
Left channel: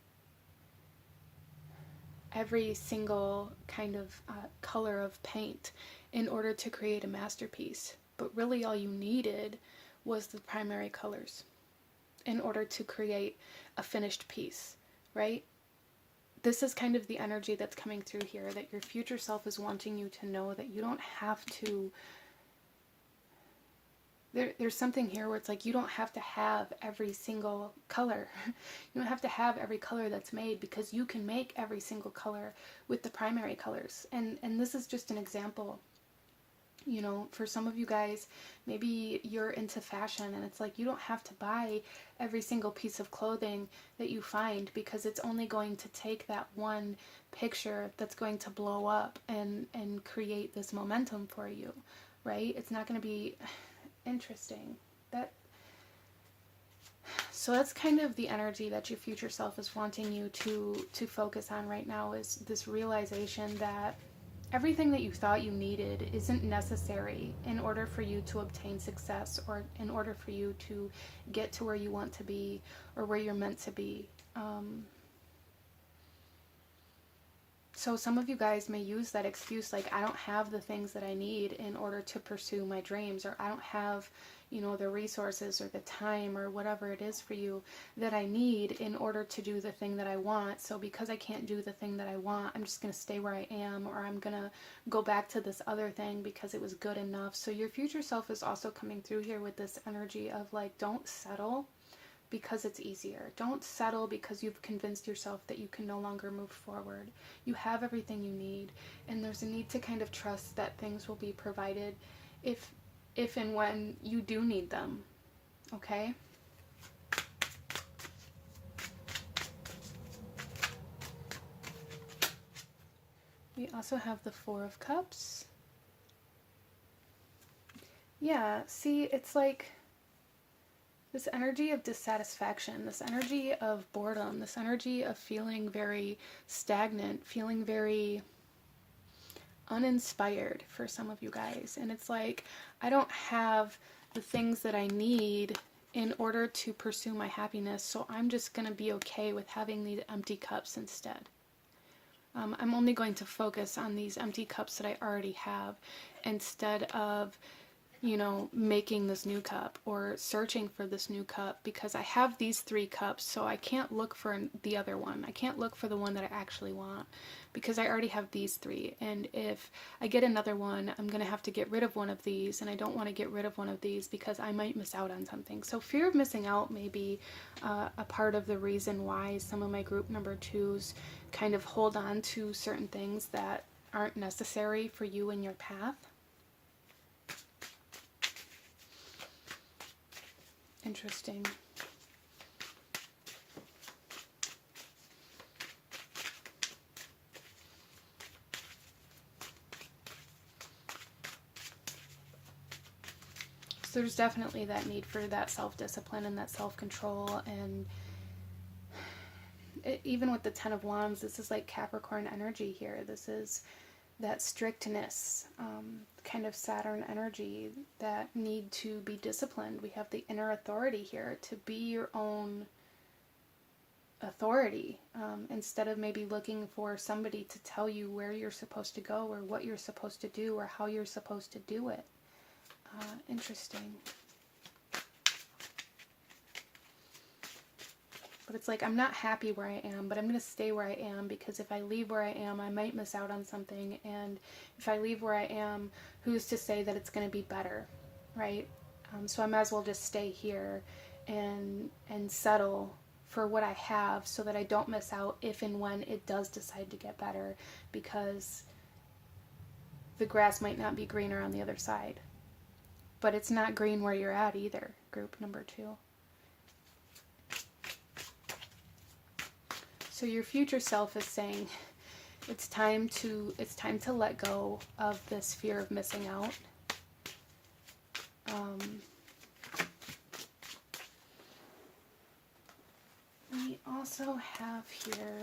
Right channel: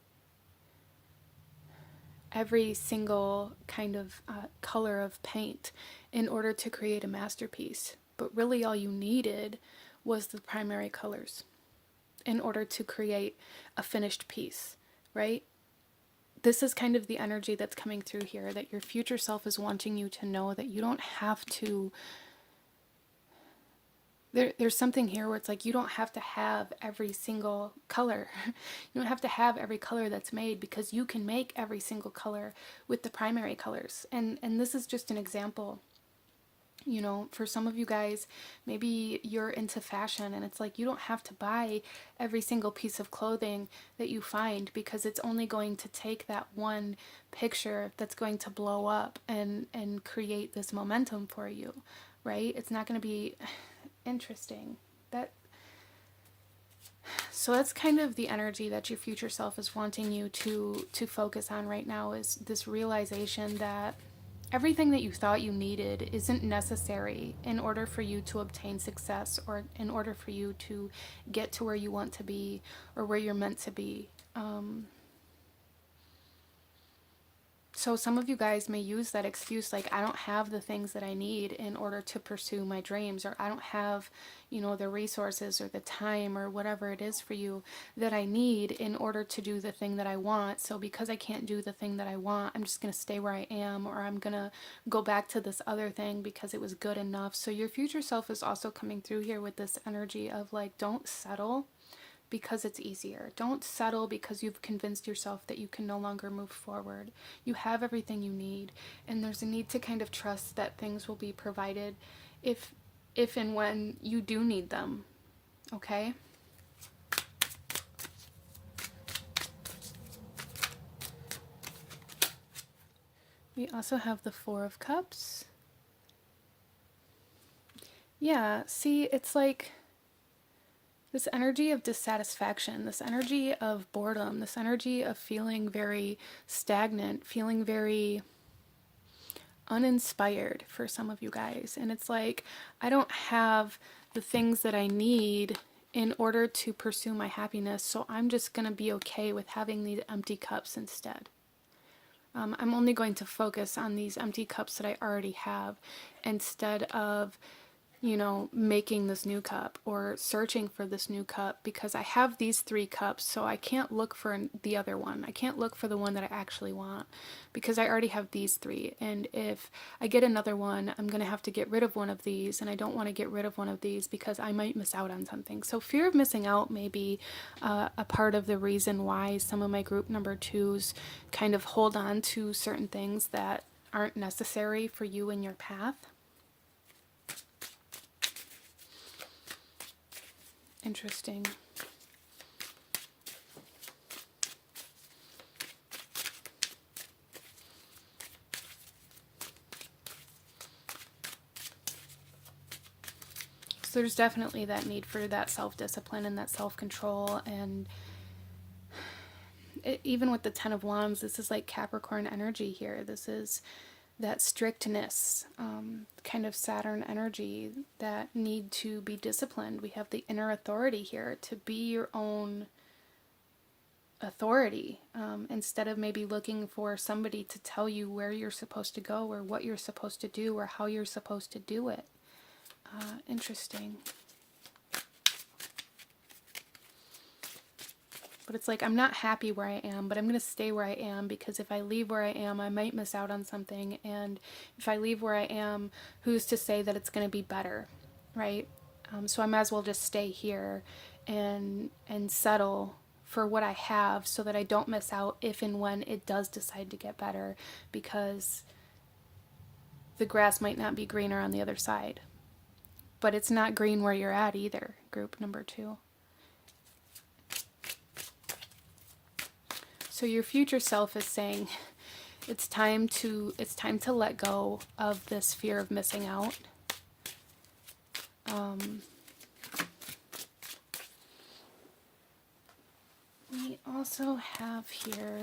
every single kind of color of paint in order to create a masterpiece. But really all you needed was the primary colors in order to create a finished piece, right? This is kind of the energy that's coming through here, that your future self is wanting you to know that you don't have to. There's something here where it's like you don't have to have every single color. You don't have to have every color that's made, because you can make every single color with the primary colors. And this is just an example. You know, for some of you guys, maybe you're into fashion, and it's like you don't have to buy every single piece of clothing that you find, because it's only going to take that one picture that's going to blow up and create this momentum for you, right? It's not going to be interesting. So that's kind of the energy that your future self is wanting you to focus on right now, is this realization that everything that you thought you needed isn't necessary in order for you to obtain success, or in order for you to get to where you want to be or where you're meant to be. So some of you guys may use that excuse, like, I don't have the things that I need in order to pursue my dreams, or I don't have, you know, the resources or the time or whatever it is for you that I need in order to do the thing that I want. So because I can't do the thing that I want, I'm just going to stay where I am, or I'm going to go back to this other thing because it was good enough. So your future self is also coming through here with this energy of like, don't settle because it's easier. Don't settle because you've convinced yourself that you can no longer move forward. You have everything you need, and there's a need to kind of trust that things will be provided. If if and when you do need them, okay? We also have the Four of Cups. Yeah, see, it's like this energy of dissatisfaction, this energy of boredom, this energy of feeling very stagnant, feeling very uninspired for some of you guys. And it's like, I don't have the things that I need in order to pursue my happiness, so I'm just going to be okay with having these empty cups instead. I'm only going to focus on these empty cups that I already have instead of, you know, making this new cup or searching for this new cup, because I have these 3 cups, so I can't look for the other one. I can't look for the one that I actually want because I already have these 3. And if I get another one, I'm going to have to get rid of one of these, and I don't want to get rid of one of these because I might miss out on something. So fear of missing out may be a part of the reason why some of my group number 2s kind of hold on to certain things that aren't necessary for you in your path. Interesting. So there's definitely that need for that self-discipline and that self-control, and even with the Ten of Wands, this is like Capricorn energy here. This is that strictness, kind of Saturn energy, that need to be disciplined. We have the inner authority here, to be your own authority, instead of maybe looking for somebody to tell you where you're supposed to go or what you're supposed to do or how you're supposed to do it. Interesting. But it's like, I'm not happy where I am, but I'm going to stay where I am, because if I leave where I am, I might miss out on something. And if I leave where I am, who's to say that it's going to be better, right? So I might as well just stay here and settle for what I have so that I don't miss out if and when it does decide to get better, because the grass might not be greener on the other side. But it's not green where you're at either, group number 2. So your future self is saying it's time to let go of this fear of missing out. We also have here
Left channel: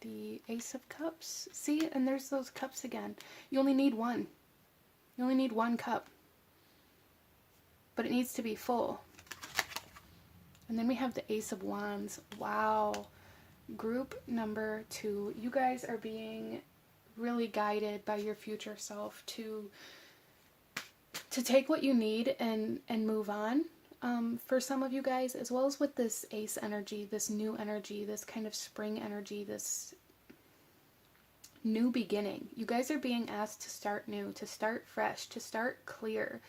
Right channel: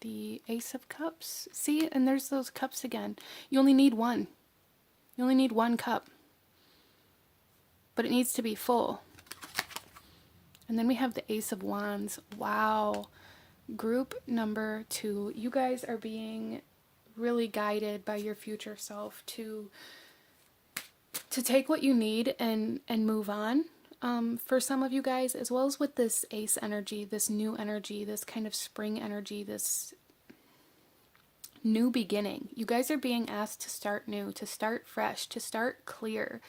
the Ace of Cups. See, and there's those cups again. You only need one. You only need one cup. But it needs to be full. And then we have the Ace of Wands. Wow. Group number 2, you guys are being really guided by your future self to take what you need and move on. For some of you guys, as well as with this Ace energy, this new energy, this kind of spring energy, this new beginning. You guys are being asked to start new, to start fresh, to start clear,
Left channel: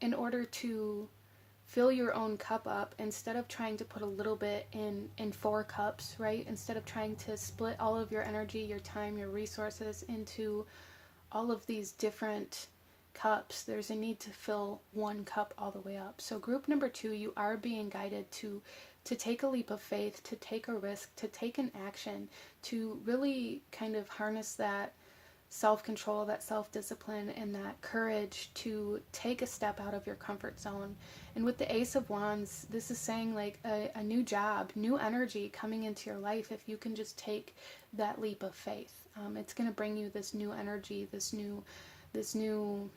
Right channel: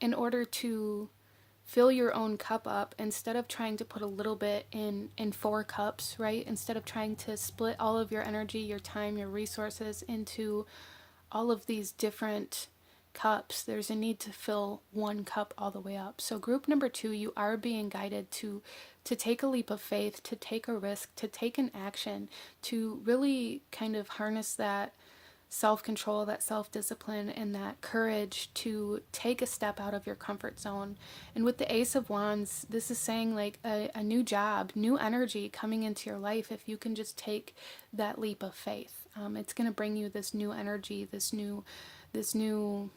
in order to fill your own cup up, instead of trying to put a little bit in 4 cups, right? Instead of trying to split all of your energy, your time, your resources into all of these different cups, there's a need to fill one cup all the way up. So group number 2, you are being guided to take a leap of faith, to take a risk, to take an action, to really kind of harness that self-control, that self-discipline, and that courage to take a step out of your comfort zone. And with the Ace of Wands, this is saying like a new job, new energy coming into your life if you can just take that leap of faith. It's going to bring you this new energy, this new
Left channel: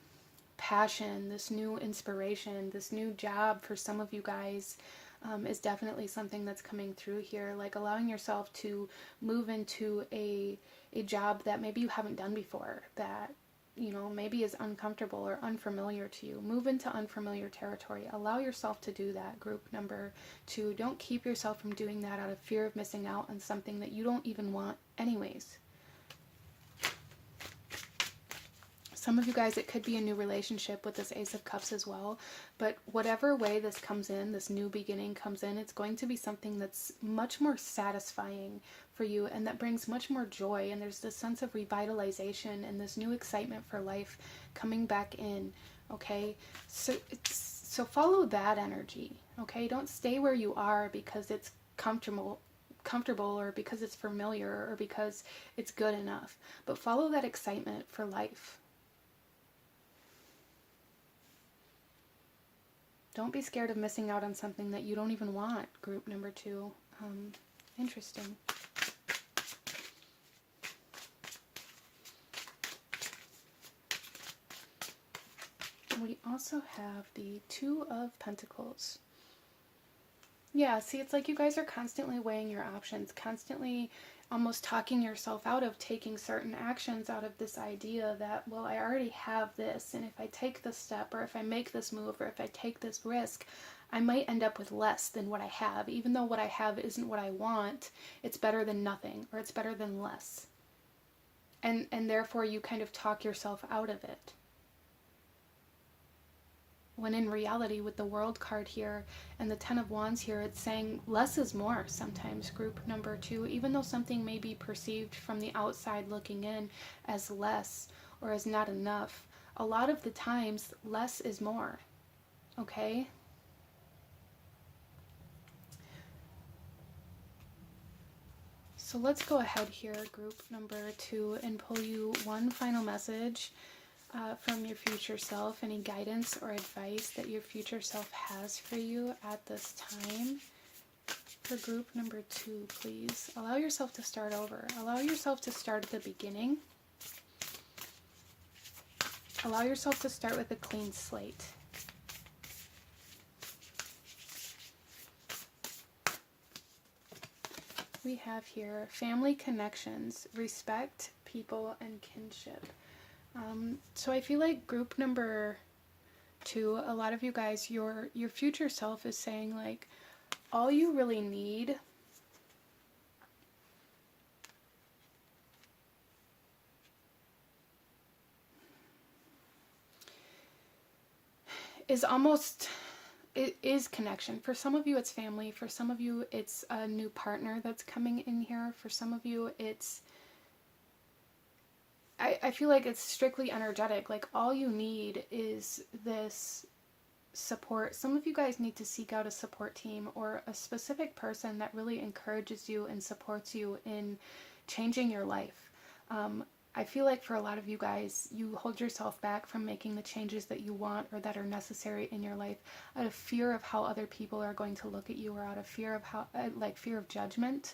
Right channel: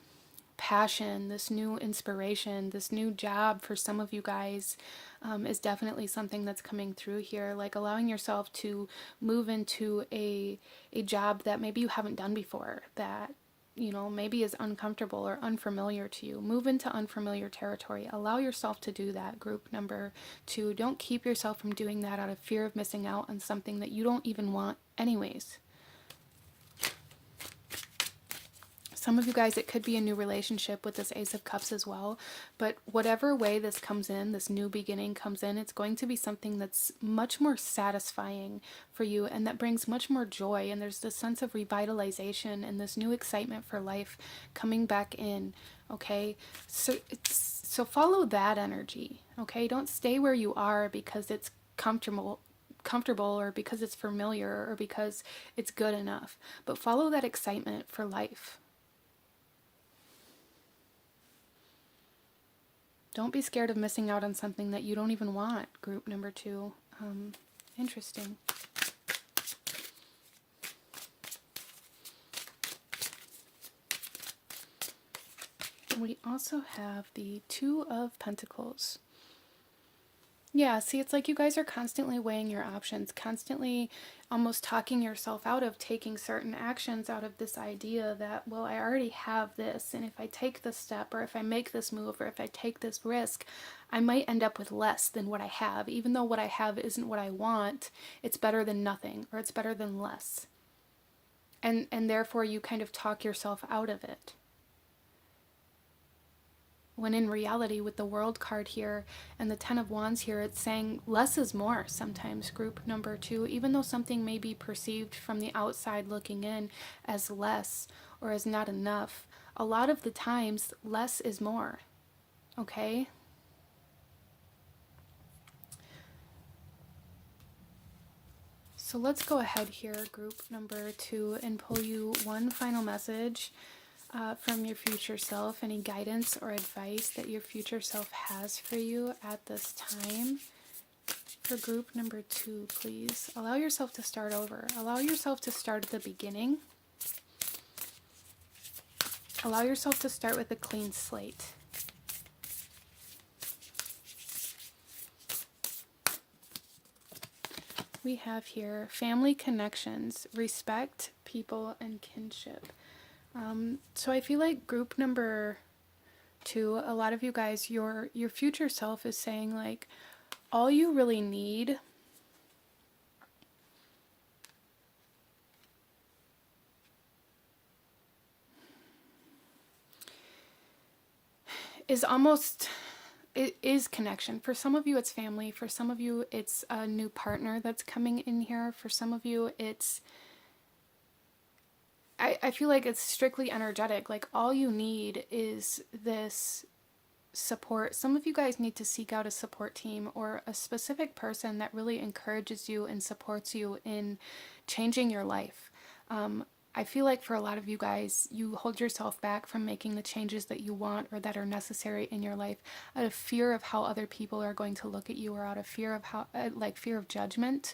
passion, this new inspiration, this new job. For some of you guys, is definitely something that's coming through here, like allowing yourself to move into a job that maybe you haven't done before, that, you know, maybe is uncomfortable or unfamiliar to you. Move into unfamiliar territory. Allow yourself to do that, group number 2. Don't keep yourself from doing that out of fear of missing out on something that you don't even want anyways. Some of you guys, it could be a new relationship with this Ace of Cups as well. But whatever way this comes in, this new beginning comes in, it's going to be something that's much more satisfying for you and that brings much more joy. And there's this sense of revitalization and this new excitement for life coming back in. Okay, so follow that energy. Okay, don't stay where you are because it's comfortable or because it's familiar or because it's good enough, but follow that excitement for life. Don't be scared of missing out on something that you don't even want, group number 2. Interesting. We also have the Two of Pentacles. Yeah, see, it's like you guys are constantly weighing your options, constantly almost talking yourself out of taking certain actions, out of this idea that, well, I already have this, and if I take this step, or if I make this move, or if I take this risk, I might end up with less than what I have. Even though what I have isn't what I want, it's better than nothing, or it's better than less. And therefore you kind of talk yourself out of it. When in reality, with the World card here and the Ten of Wands here, it's saying less is more sometimes, group number 2. Even though something may be perceived from the outside looking in as less or as not enough, a lot of the times less is more. Okay? So let's go ahead here, group number 2, and pull you one final message from your future self, any guidance or advice that your future self has for you at this time. For group number 2, please allow yourself to start over. Allow yourself to start at the beginning. Allow yourself to start with a clean slate. We have here family connections, respect, people, and kinship. So I feel like group number 2, a lot of you guys, your future self is saying, like, all you really need is almost, it is connection. For some of you it's family, for some of you it's a new partner that's coming in here, for some of you it's, I feel like it's strictly energetic. Like, all you need is this support. Some of you guys need to seek out a support team or a specific person that really encourages you and supports you in changing your life. I feel like for a lot of you guys, you hold yourself back from making the changes that you want or that are necessary in your life out of fear of how other people are going to look at you, or out of fear of how, fear of judgment.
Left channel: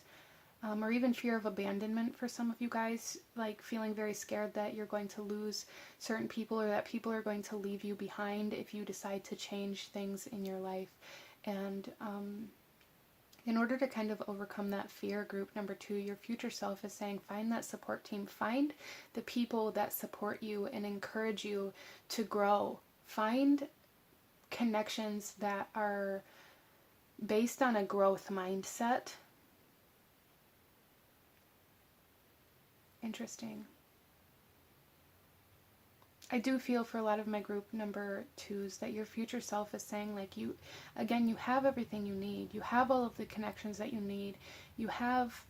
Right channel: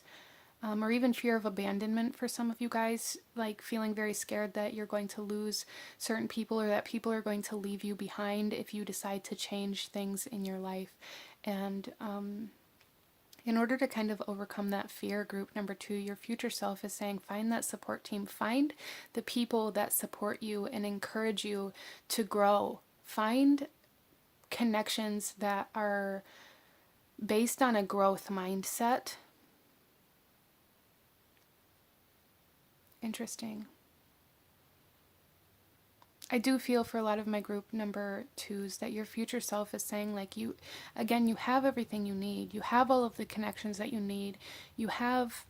Or even fear of abandonment for some of you guys, like feeling very scared that you're going to lose certain people, or that people are going to leave you behind if you decide to change things in your life. And in order to kind of overcome that fear, group number 2, your future self is saying, find that support team. Find the people that support you and encourage you to grow. Find connections that are based on a growth mindset. Interesting. I do feel for a lot of my group number 2s that your future self is saying, like, you, again, you have everything you need. You have all of the connections that you need. You have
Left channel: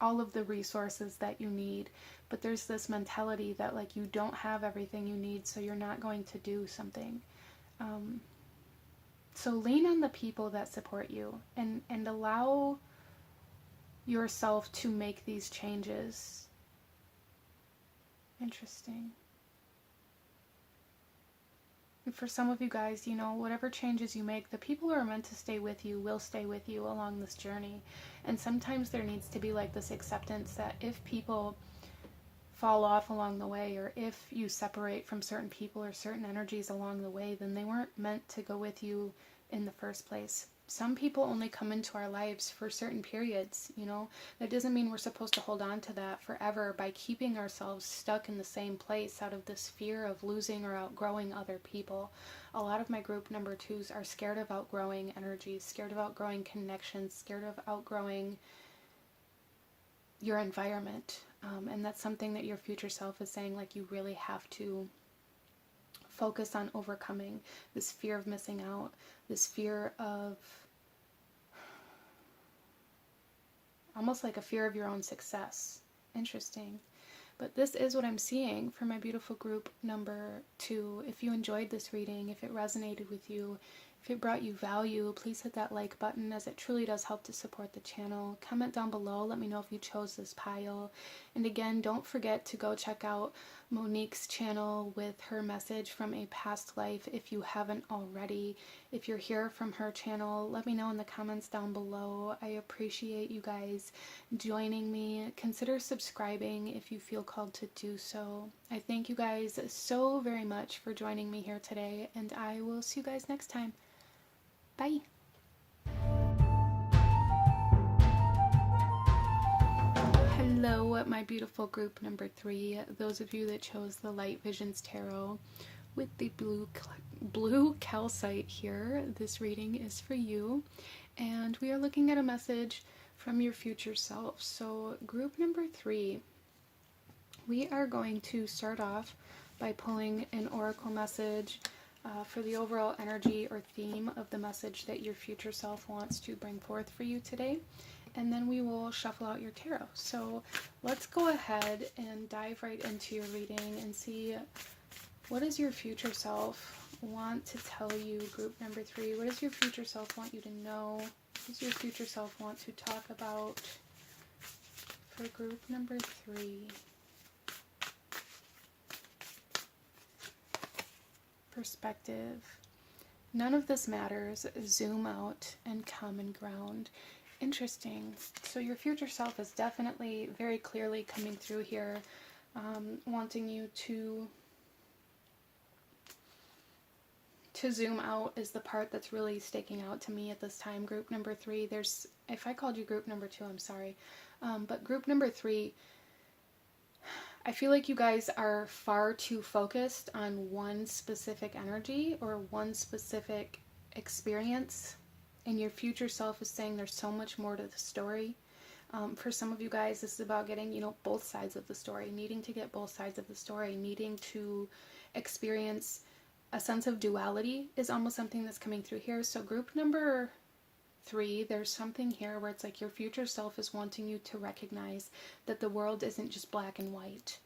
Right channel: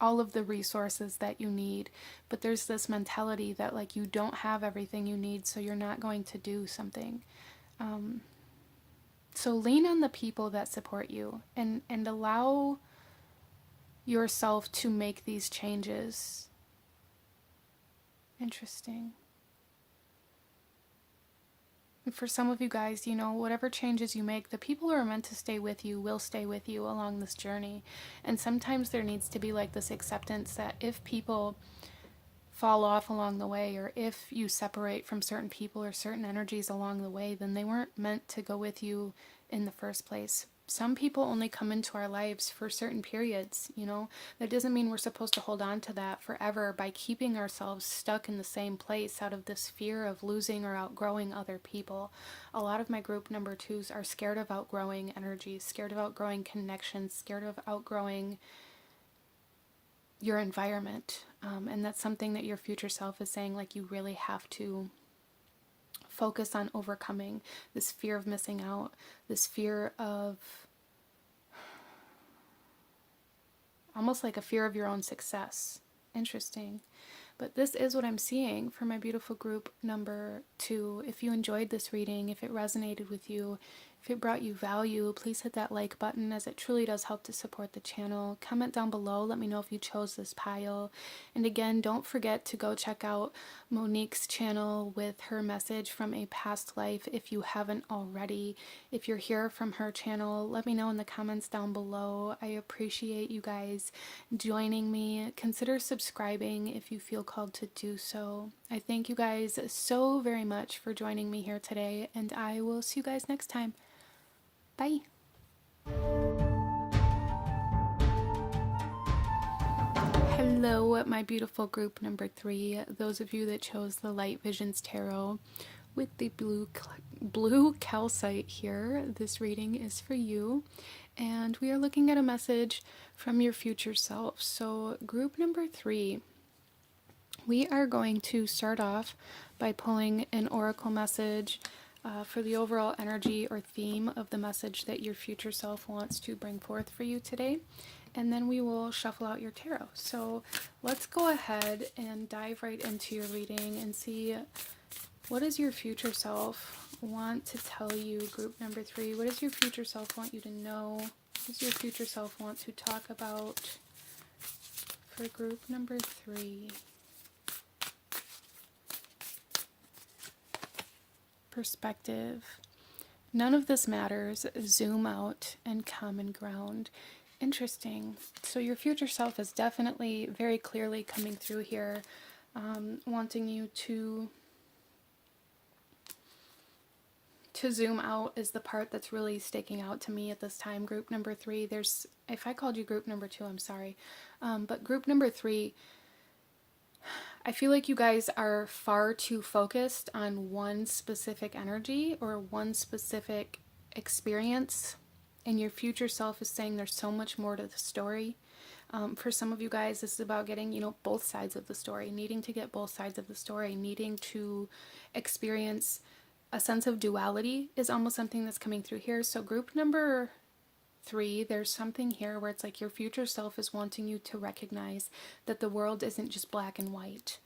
all of the resources that you need. But there's this mentality that, like, you don't have everything you need, so you're not going to do something. So lean on the people that support you and allow yourself to make these changes. Interesting. And for some of you guys, you know, whatever changes you make, the people who are meant to stay with you will stay with you along this journey. And sometimes there needs to be like this acceptance that if people fall off along the way, or if you separate from certain people or certain energies along the way, then they weren't meant to go with you in the first place. Some people only come into our lives for certain periods, you know. That doesn't mean we're supposed to hold on to that forever by keeping ourselves stuck in the same place out of this fear of losing or outgrowing other people. A lot of my group number 2s are scared of outgrowing energies, scared of outgrowing connections, scared of outgrowing your environment. And that's something that your future self is saying, like, you really have to focus on overcoming this fear of missing out, this fear of almost like a fear of your own success. Interesting. But this is what I'm seeing for my beautiful group number 2. If you enjoyed this reading, if it resonated with you, if it brought you value, please hit that like button, as it truly does help to support the channel. Comment down below, let me know if you chose this pile. And again, don't forget to go check out Monique's channel with her message from a past life if you haven't already. If you're here from her channel, let me know in the comments down below. I appreciate you guys joining me. Consider subscribing if you feel called to do so. I thank you guys so very much for joining me here today, and I will see you guys next time. Bye. Hello, my beautiful group number 3. Those of you that chose the Light Visions Tarot with the blue calcite here, this reading is for you. And we are looking at a message from your future self. So group number 3, we are going to start off by pulling an oracle message for the overall energy or theme of the message that your future self wants to bring forth for you today. And then we will shuffle out your tarot. So let's go ahead and dive right into your reading and see, what does your future self want to tell you, group number 3? What does your future self want you to know? What does your future self want to talk about for group number 3? Perspective. None of this matters. Zoom out and common ground. Interesting. So your future self is definitely very clearly coming through here, wanting you to zoom out is the part that's really sticking out to me at this time. Group number 3, if I called you group number 2, I'm sorry. But group number 3, I feel like you guys are far too focused on one specific energy or one specific experience, and your future self is saying there's so much more to the story. For some of you guys, this is about getting, both sides of the story, needing to get both sides of the story, needing to experience a sense of duality is almost something that's coming through here. So group number 3, there's something here where it's like your future self is wanting you to recognize that the world isn't just black and white.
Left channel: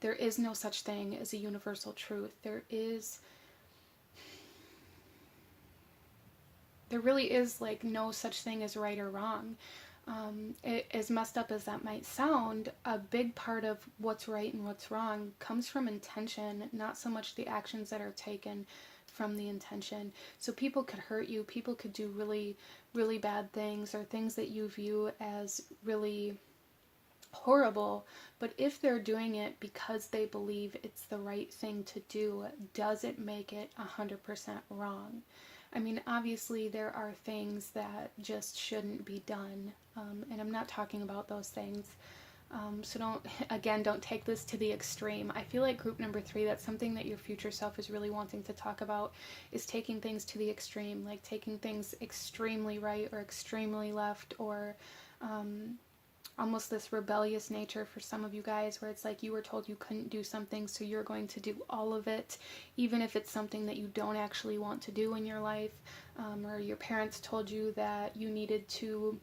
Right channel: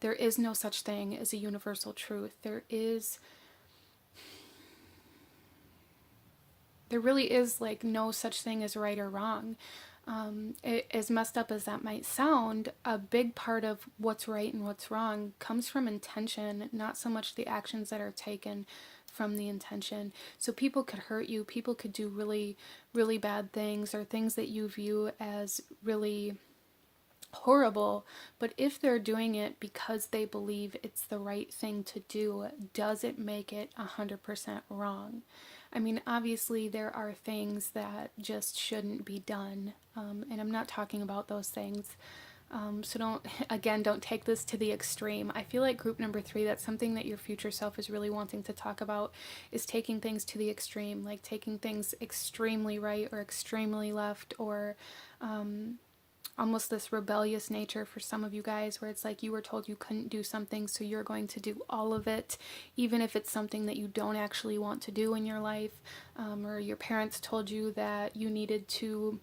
There is no such thing as a universal truth. There really is like no such thing as right or wrong. As messed up as that might sound, a big part of what's right and what's wrong comes from intention, not so much the actions that are taken from the intention. So people could hurt you, people could do really, really bad things, or things that you view as really horrible, but if they're doing it because they believe it's the right thing to do, does it make it 100% wrong? I mean, obviously there are things that just shouldn't be done, and I'm not talking about those things. So don't take this to the extreme. I feel like group number 3, that's something that your future self is really wanting to talk about, is taking things to the extreme, like taking things extremely right or extremely left, or almost this rebellious nature for some of you guys, where it's like you were told you couldn't do something, so you're going to do all of it, even if it's something that you don't actually want to do in your life, or your parents told you that you needed to,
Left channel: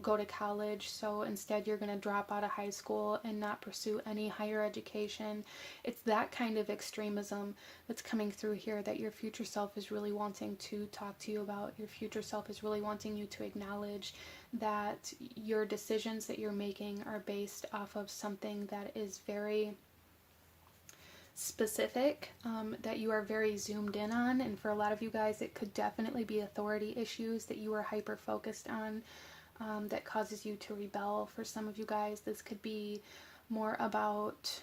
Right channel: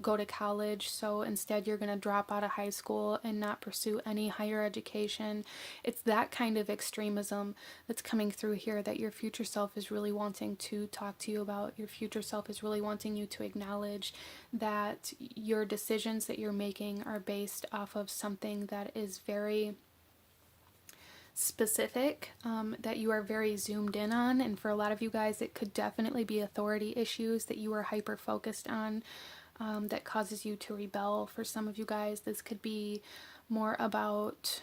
go to college, so instead you're going to drop out of high school and not pursue any higher education. It's that kind of extremism that's coming through here that your future self is really wanting to talk to you about. Your future self is really wanting you to acknowledge that your decisions that you're making are based off of something that is very specific, that you are very zoomed in on. And for a lot of you guys, it could definitely be authority issues that you are hyper focused on, that causes you to rebel. For some of you guys, this could be more about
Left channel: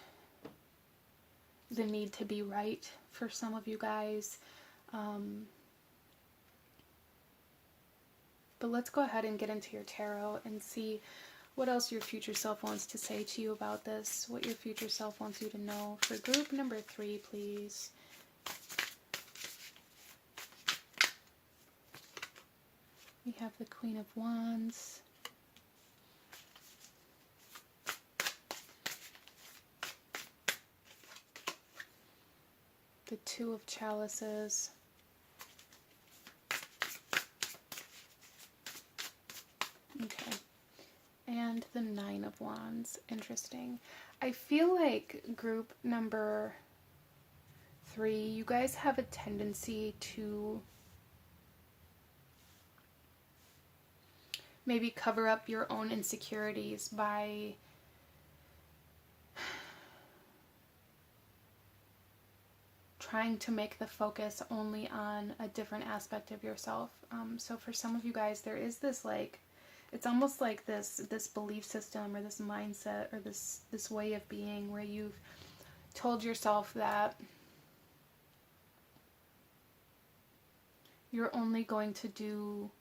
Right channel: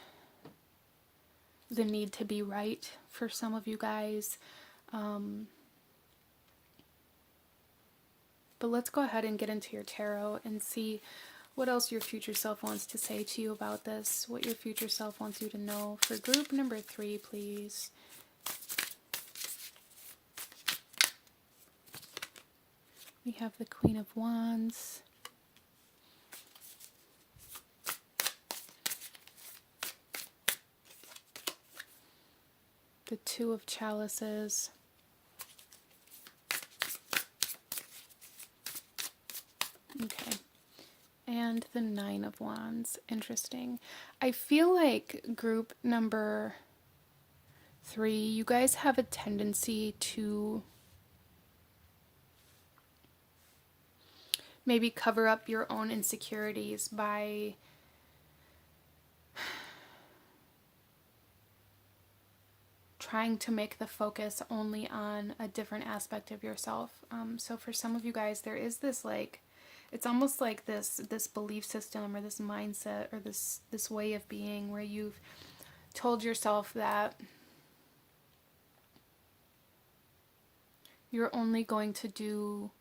the need to be right. For some of you guys, but let's go ahead and get into your tarot and see what else your future self wants to say to you about this, what your future self wants you to know. For group number 3, please. We have the Queen of Wands, the Two of Chalices, okay, and the Nine of Wands. Interesting. I feel like group number 3, you guys have a tendency to maybe cover up your own insecurities by trying to make the focus only on a different aspect of yourself. So for some of you guys, there is this, like, it's almost like this belief system or this mindset or this way of being where you've told yourself that you're only going to do,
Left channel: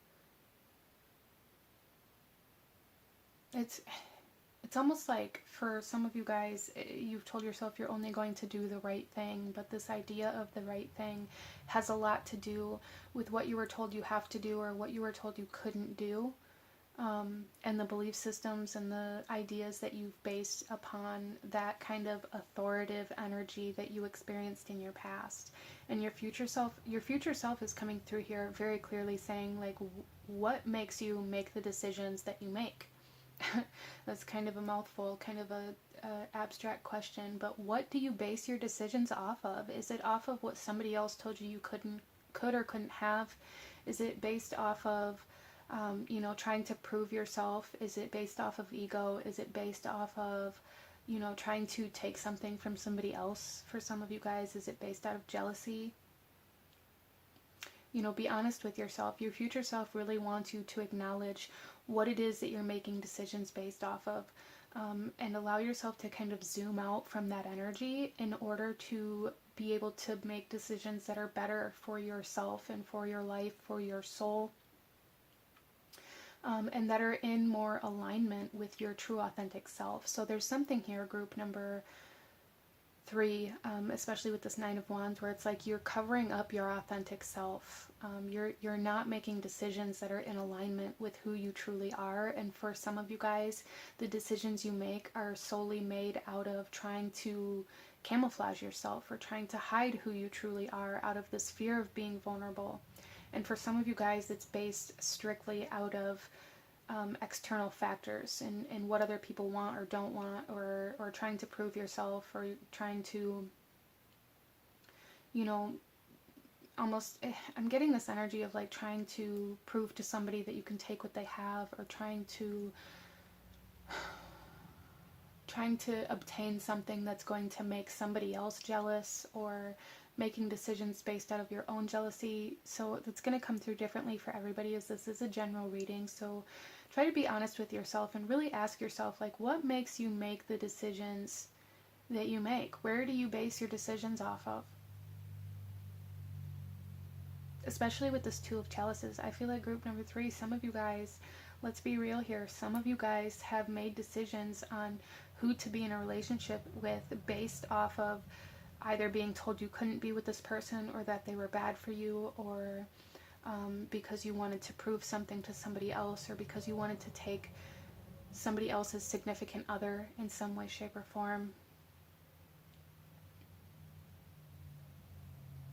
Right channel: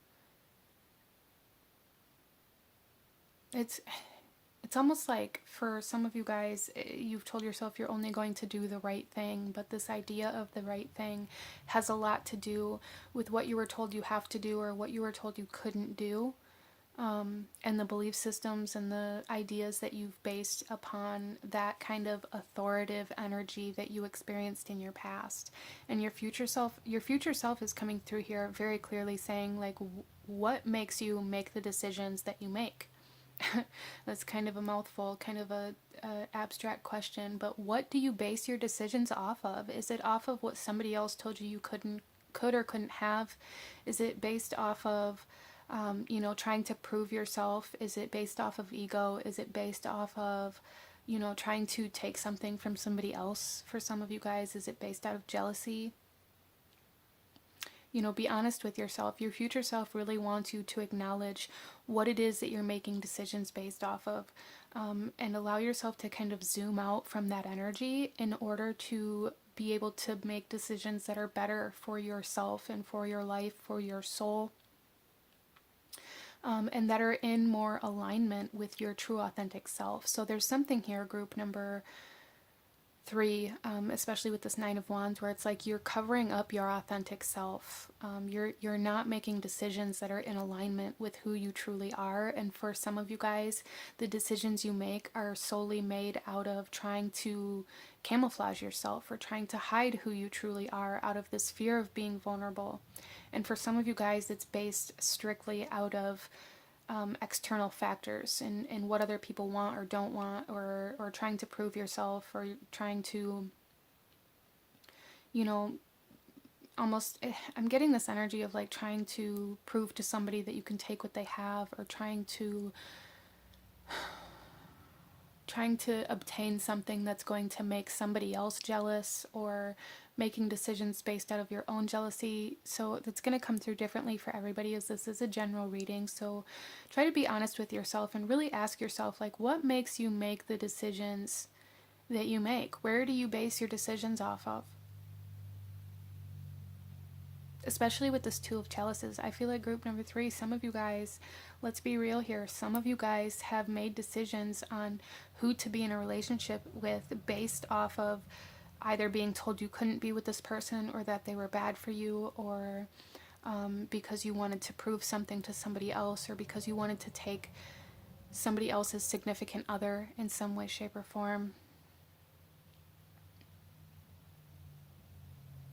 it's almost like for some of you guys, you've told yourself you're only going to do the right thing, but this idea of the right thing has a lot to do with what you were told you have to do or what you were told you couldn't do, and the belief systems and the ideas that you've based upon that kind of authoritative energy that you experienced in your past. And your future self is coming through here very clearly saying, like, what makes you make the decisions that you make? That's kind of a mouthful, kind of a abstract question, but what do you base your decisions off of? Is it off of what somebody else told you could or couldn't have? Is it based off of trying to prove yourself? Is it based off of ego? Is it based off of trying to take something from somebody else? For some of you guys, is it based out of jealousy? Be honest with yourself. Your future self really wants you to acknowledge what it is that you're making decisions based off of, and allow yourself to kind of zoom out from that energy in order to be able to make decisions that are better for yourself and for your life, for your soul, and that are in more alignment with your true authentic self. So there's something here, group number 3, especially with this Nine of Wands, where it's like you're covering up your authentic self. You're not making decisions that are in alignment with who you truly are. And for some of you guys, the decisions you make are solely made out of trying to camouflage yourself or trying to hide who you truly are out of this fear of being vulnerable. And for some of you guys, it's based strictly out of external factors and what other people want or don't want, or trying to prove yourself, or trying to, almost, I'm getting this energy of like trying to prove to somebody that you can take what they have, or trying to obtain something that's going to make somebody else jealous, or making decisions based out of your own jealousy. So that's going to come through differently for everybody, as this is a general reading. So try to be honest with yourself and really ask yourself, like, what makes you make the decisions that you make? Where do you base your decisions off of? Especially with this Two of Chalices, I feel like group number 3, some of you guys, let's be real here, some of you guys have made decisions on who to be in a relationship with based off of either being told you couldn't be with this person, or that they were bad for you, or because you wanted to prove something to somebody else, or because you wanted to take somebody else's significant other in some way, shape, or form.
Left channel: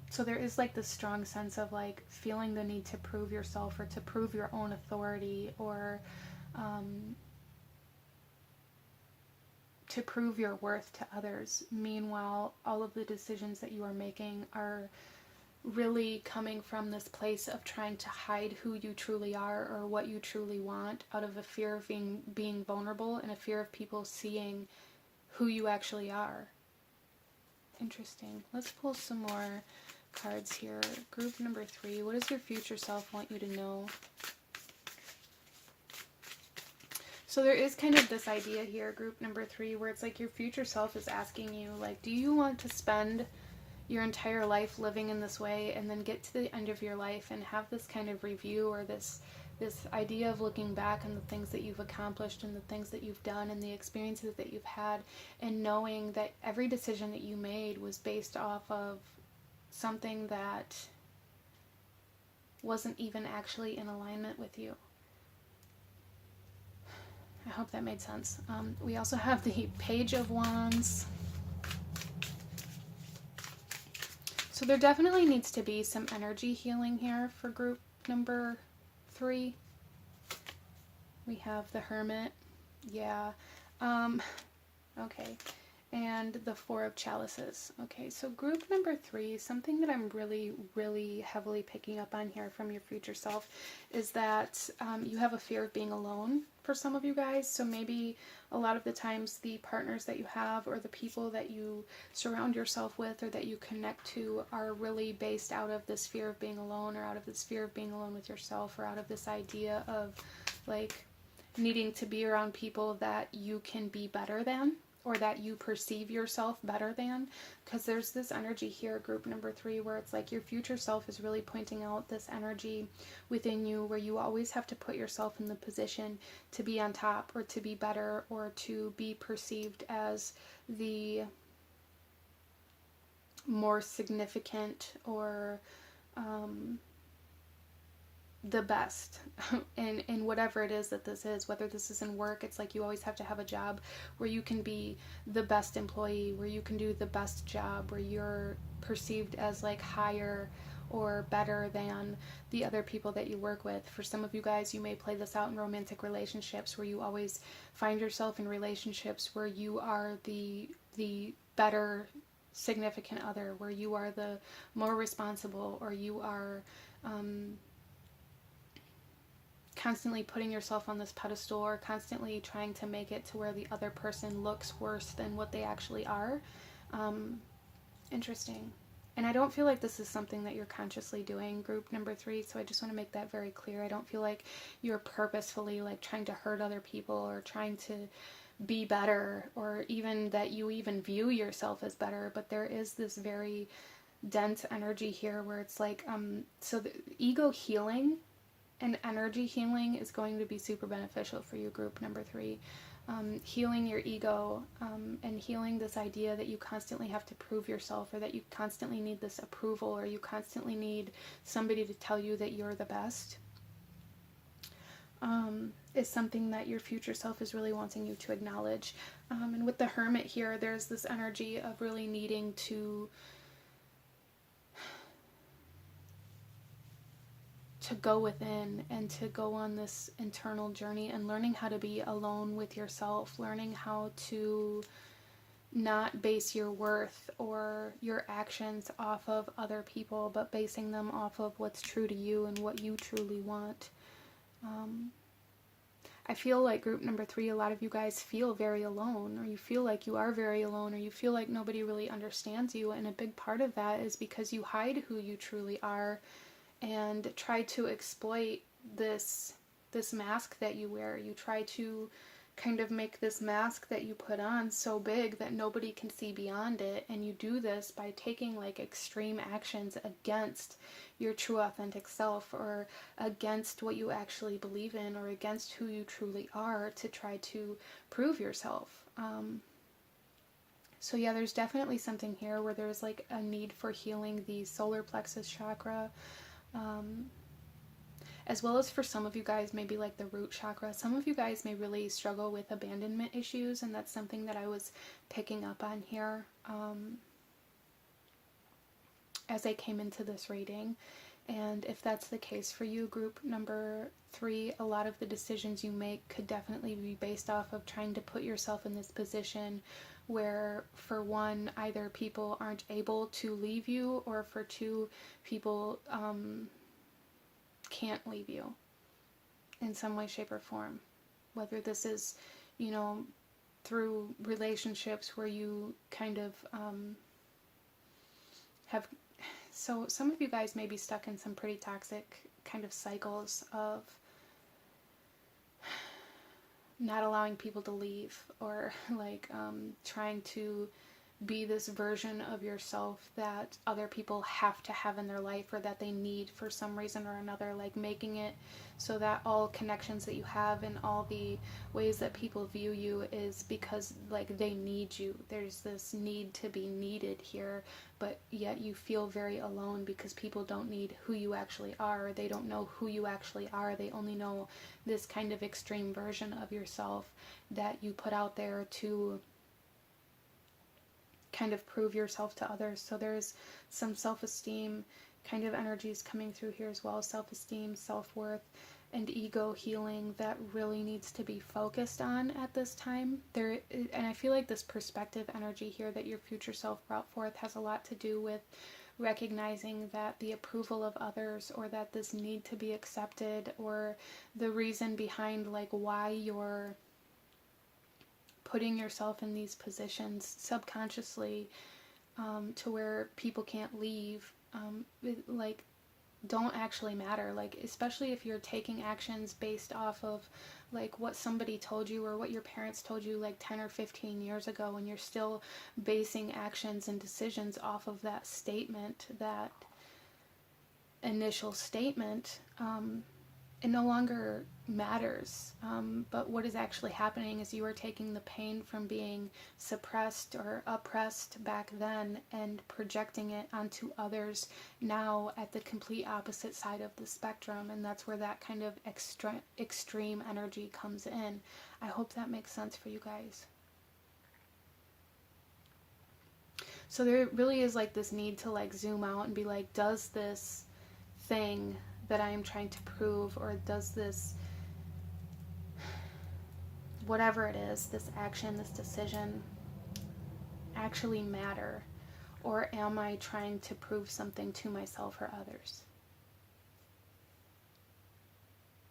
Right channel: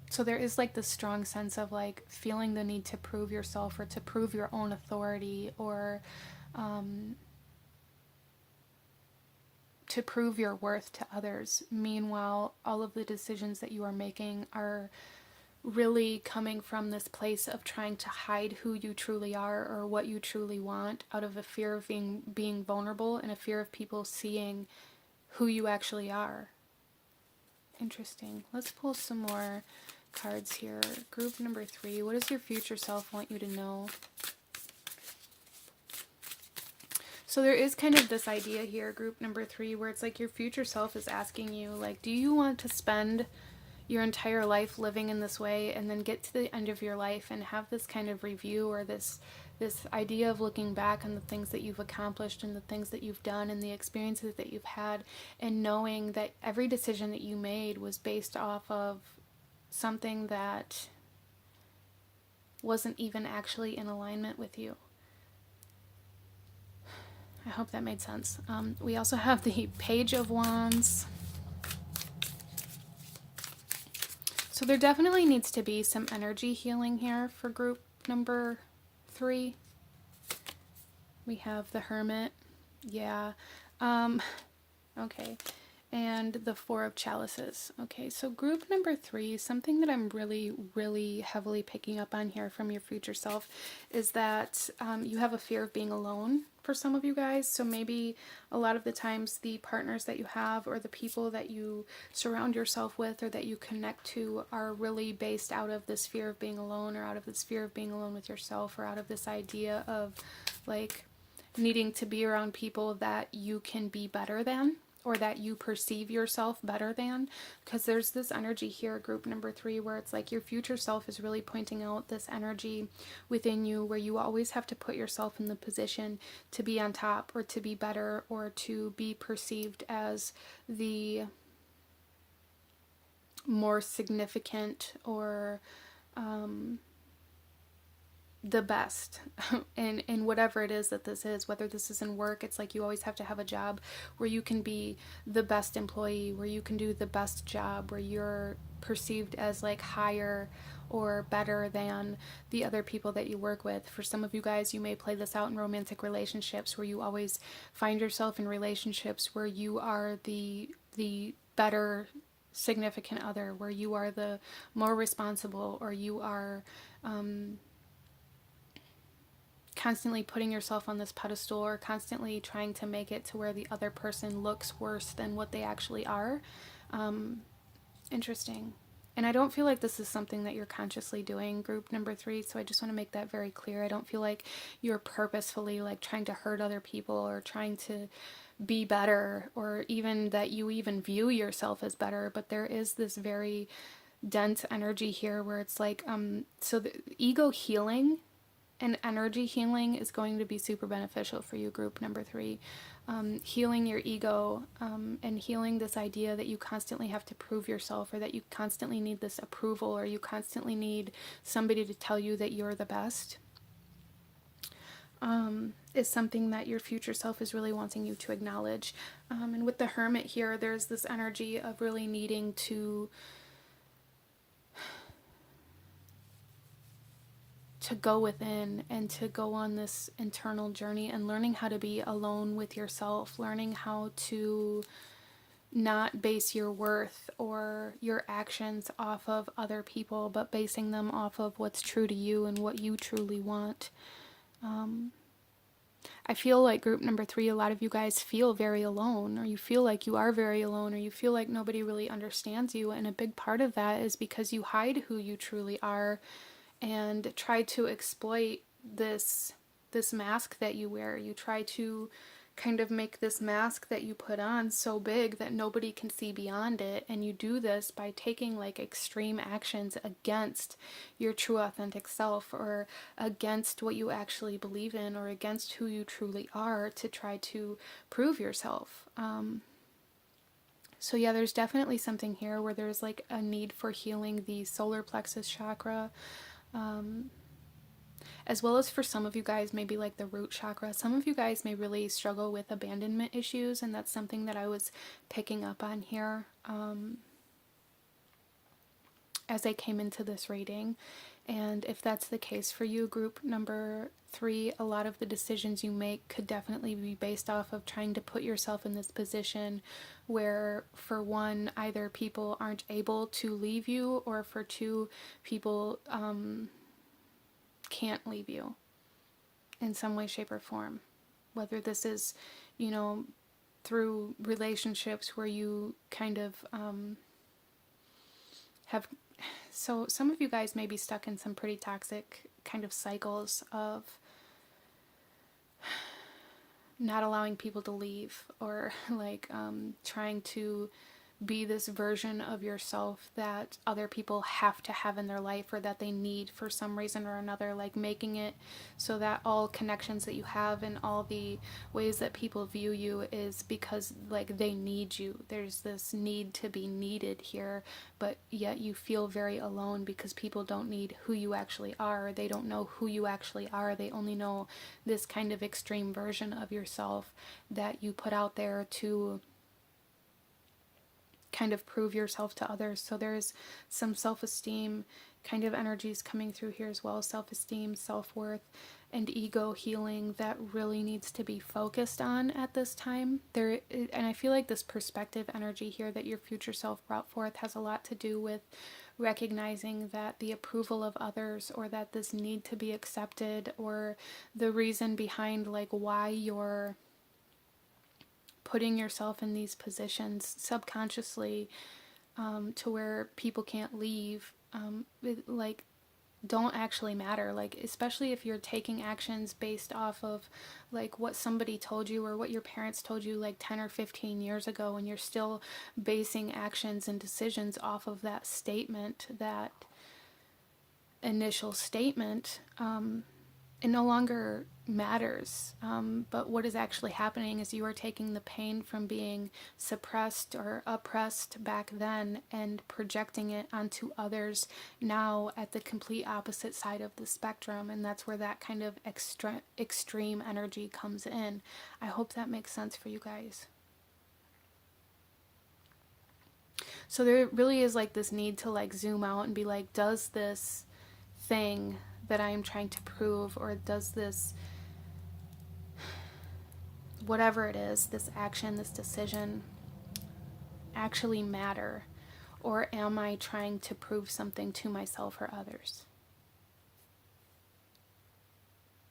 So there is like this strong sense of like feeling the need to prove yourself, or to prove your own authority, or to prove your worth to others. Meanwhile, all of the decisions that you are making are really coming from this place of trying to hide who you truly are, or what you truly want, out of a fear of being vulnerable, and a fear of people seeing who you actually are. Interesting. Let's pull some more cards here. Group number 3, what does your future self want you to know? So there is kind of this idea here, group number 3, where it's like your future self is asking you, like, do you want to spend your entire life living in this way, and then get to the end of your life and have this kind of review, or this idea of looking back on the things that you've accomplished and the things that you've done and the experiences that you've had, and knowing that every decision that you made was based off of something that wasn't even actually in alignment with you? I hope that made sense. We also have the Page of Wands So there definitely needs to be some energy healing here for group number 3. We have the Hermit. Yeah. Okay. And the Four of Chalices. Okay, so group number 3, something that I'm really, really heavily picking up on here from your future self is that you have a fear of being alone for some of you guys. So maybe a lot of the times the partners that you have or the people that you surround yourself with or that you connect to are really based out of this fear of being alone, or out of this fear of being alone with yourself, or out of this idea of like needing to be around people that you can be better than, or that you perceive yourself better than. Because there's this energy here, group number 3, where it's like your future self is really pointing out this energy within you where you always have to put yourself in the position to be on top, or to be better, or to be perceived as the more significant, or the best in whatever it is that this is. Whether this is in work, it's like you always have to have a job where you can be the best employee, where you can do the best job, where you're perceived as like higher or better than the other people that you work with. For some of you guys, you may play this out in romantic relationships, where you always find yourself in relationships where you are the better significant other, where you are the more responsible, or you are constantly putting yourself on this pedestal, or constantly trying to make it to where the other person looks worse than what they actually are. Interesting. And I don't feel like this is something that you're consciously doing, group number 3, so I just want to make that very clear. I don't feel like you're purposefully like trying to hurt other people, or trying to be better, or even that you even view yourself as better. But there is this very dense energy here where it's like, so the ego healing and energy healing is going to be super beneficial for you, group number 3. Healing your ego, and healing this idea that you constantly have to prove yourself, or that you constantly need this approval, or you constantly need somebody to tell you that you're the best, is something that your future self is really wanting you to acknowledge. And with the Hermit here, there's this energy of really needing to go within, and to go on this internal journey, and learning how to be alone with yourself, learning how to not base your worth or your actions off of other people, but basing them off of what's true to you and what you truly want. I feel like group number 3, a lot of you guys feel very alone, or you feel like you are very alone, or you feel like nobody really understands you, and a big part of that is because you hide who you truly are and try to exploit this mask that you wear. You try to kind of make this mask that you put on so big that nobody can see beyond it, and you do this by taking like extreme actions against your true authentic self, or against what you actually believe in, or against who you truly are, to try to prove yourself. So yeah, there's definitely something here where there's like a need for healing the solar plexus chakra, as well as for some of you guys, maybe like the root chakra. Some of you guys may really struggle with abandonment issues, and that's something that I was picking up on here as I came into this reading. And if that's the case for you, group number 3, a lot of the decisions you make could definitely be based off of trying to put yourself in this position where, for one, either people aren't able to leave you, or for 2, people can't leave you in some way, shape, or form. Whether this is, through relationships where you kind of have... So some of you guys may be stuck in some pretty toxic kind of cycles of not allowing people to leave, or like trying to be this version of yourself that other people have to have in their life, or that they need for some reason or another, like making it so that all connections that you have and all the ways that people view you is because like they need you. There's this need to be needed here, but yet you feel very alone because people don't need who you actually are. They don't know who you actually are. They only know this kind of extreme version of yourself that you put out there to kind of prove yourself to others. So there's some self-esteem kind of energies coming through here as well. Self-esteem, self-worth, and ego healing that really needs to be focused on at this time. And I feel like this perspective energy here that your future self brought forth has a lot to do with recognizing that the approval of others, or that this need to be accepted, or the reason behind like why you're putting yourself in these positions subconsciously, to where people can't leave, like don't actually matter. Like, especially if you're taking actions based off of like what somebody told you or what your parents told you like 10 or 15 years ago, and you're still basing actions and decisions off of that statement, that initial statement, it no longer matters. But what is actually happening is you are taking the pain from being suppressed or oppressed back then and projecting it onto others now at the complete opposite side of the spectrum. And that's where that kind of extreme energy comes in. I hope that makes sense for you guys. So there really is like this need to like zoom out and be like, does this thing that I am trying to prove, or does this, whatever it is, this action, this decision, actually matter? Or am I trying to prove something to myself or others?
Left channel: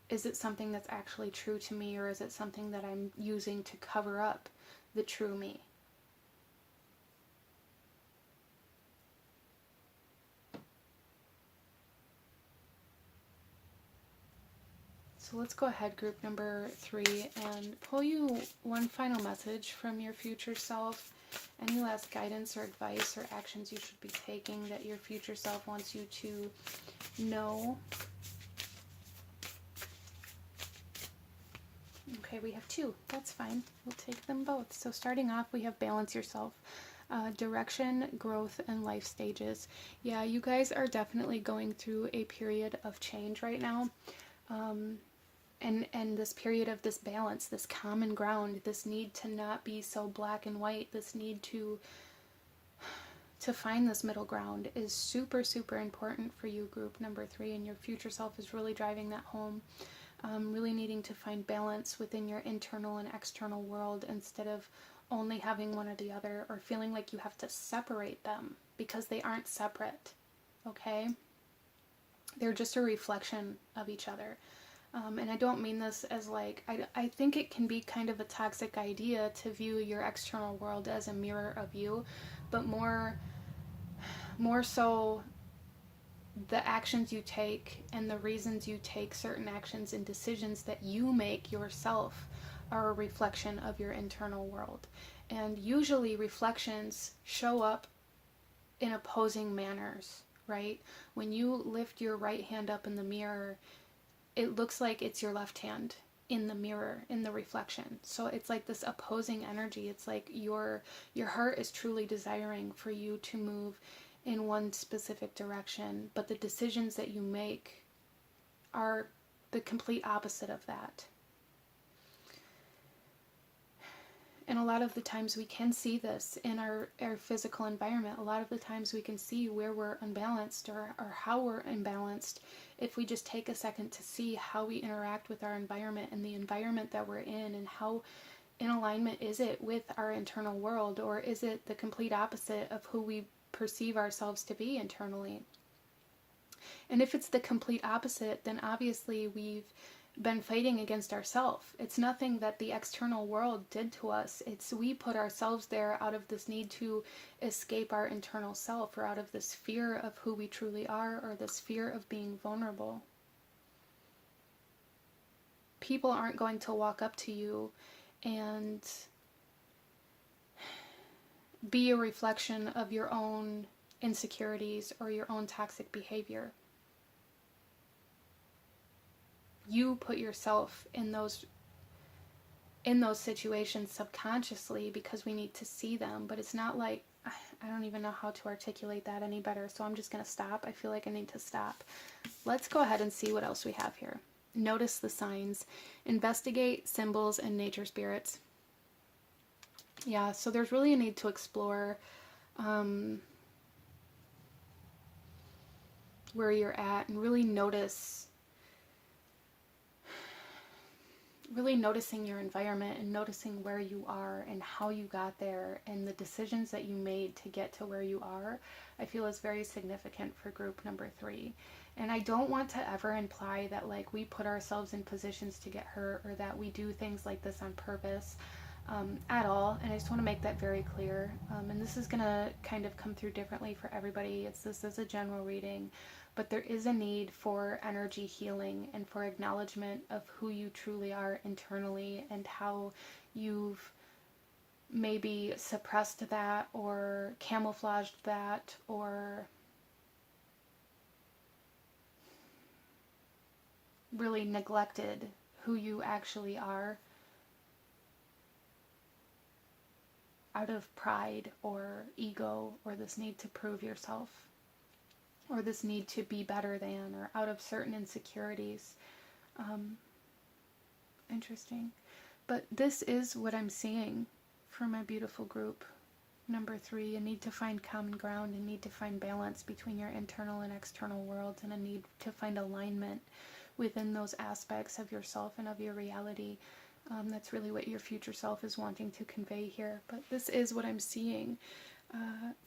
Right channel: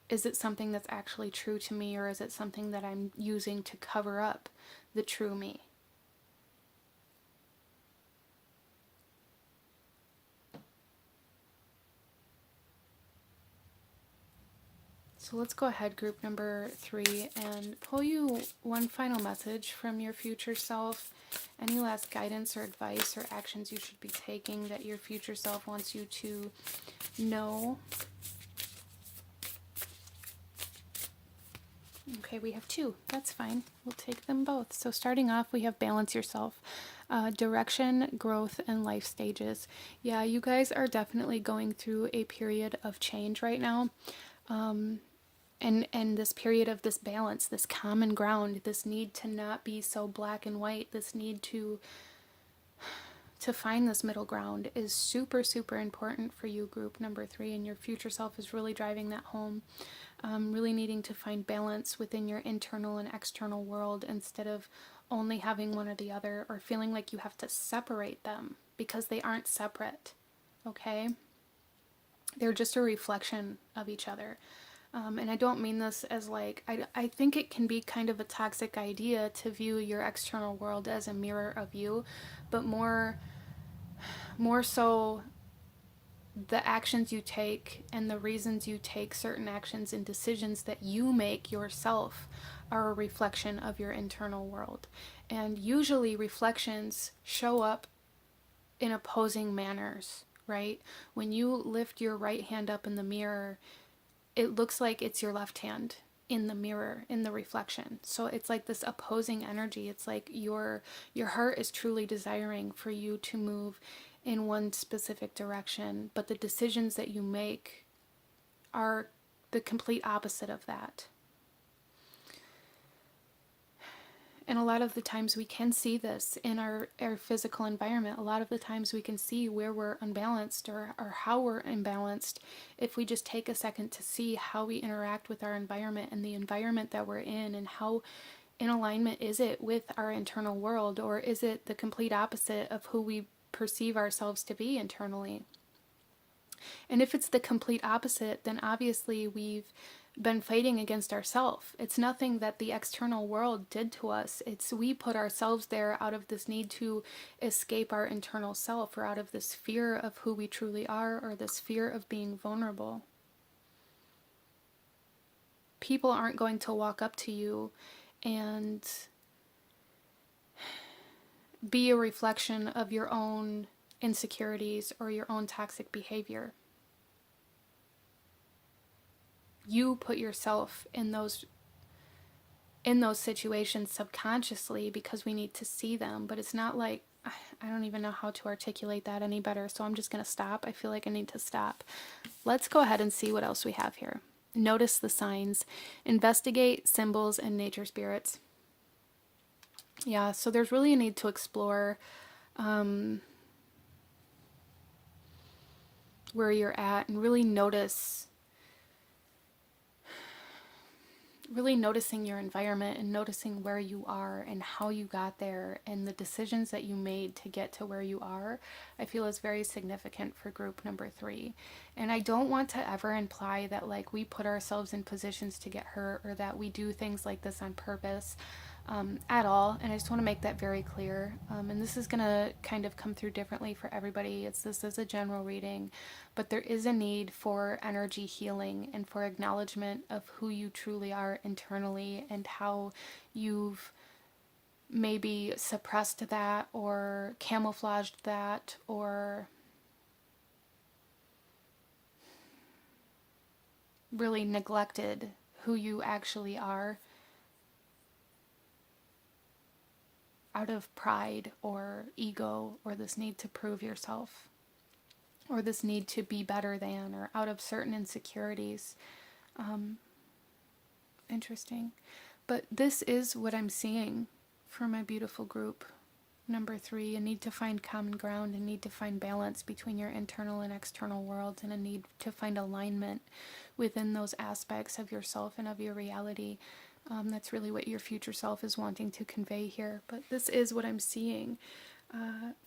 Is it something that's actually true to me, or is it something that I'm using to cover up the true me? So let's go ahead, group number 3, and pull you one final message from your future self. Any last guidance or advice or actions you should be taking that your future self wants you to know. Okay, we have 2. That's fine. We'll take them both. So starting off, we have balance yourself. Direction, growth, and life stages. Yeah, you guys are definitely going through a period of change right now. And this period of this balance, this common ground, this need to not be so black and white, this need to find this middle ground is super, super important for you, group number 3, and your future self is really driving that home. Really needing to find balance within your internal and external world instead of only having one or the other, or feeling like you have to separate them, because they aren't separate, okay? They're just a reflection of each other. And I don't mean this as like, I think it can be kind of a toxic idea to view your external world as a mirror of you, but more so the actions you take and the reasons you take certain actions and decisions that you make yourself are a reflection of your internal world. And usually reflections show up in opposing manners, right? When you lift your right hand up in the mirror, it looks like it's your left hand in the mirror, in the reflection. So it's like this opposing energy. It's like your heart is truly desiring for you to move in one specific direction, but the decisions that you make are the complete opposite of that. And a lot of the times we can see this in our physical environment. A lot of the times we can see where we're unbalanced, or how we're imbalanced, if we just take a second to see how we interact with our environment and the environment that we're in, and how in alignment is it with our internal world, or is it the complete opposite of who we perceive ourselves to be internally. And if it's the complete opposite, then obviously we've been fighting against ourselves. It's nothing that the external world did to us. It's we put ourselves there out of this need to escape our internal self, or out of this fear of who we truly are, or this fear of being vulnerable. People aren't going to walk up to you and be a reflection of your own insecurities or your own toxic behavior. You put yourself in those situations subconsciously because we need to see them, but it's not like, I don't even know how to articulate that any better, so I'm just going to stop. I feel like I need to stop. Let's go ahead and see what else we have here. Notice the signs. Investigate symbols and nature spirits. Yeah, so there's really a need to explore where you're at, and really noticing your environment and noticing where you are and how you got there and the decisions that you made to get to where you are, I feel is very significant for group number 3. And I don't want to ever imply that like we put ourselves in positions to get hurt or that we do things like this on purpose. At all, and I just want to make that very clear. And this is gonna kind of come through differently for everybody. This is a general reading, but there is a need for energy healing and for acknowledgement of who you truly are internally and how you've maybe suppressed that or camouflaged that or really neglected who you actually are out of pride or ego or this need to prove yourself or this need to be better than or out of certain insecurities. Interesting. But this is what I'm seeing for my beautiful group number 3, a need to find common ground, a need to find balance between your internal and external worlds, and a need to find alignment within those aspects of yourself and of your reality. That's really what your future self is wanting to convey here. But this is what I'm seeing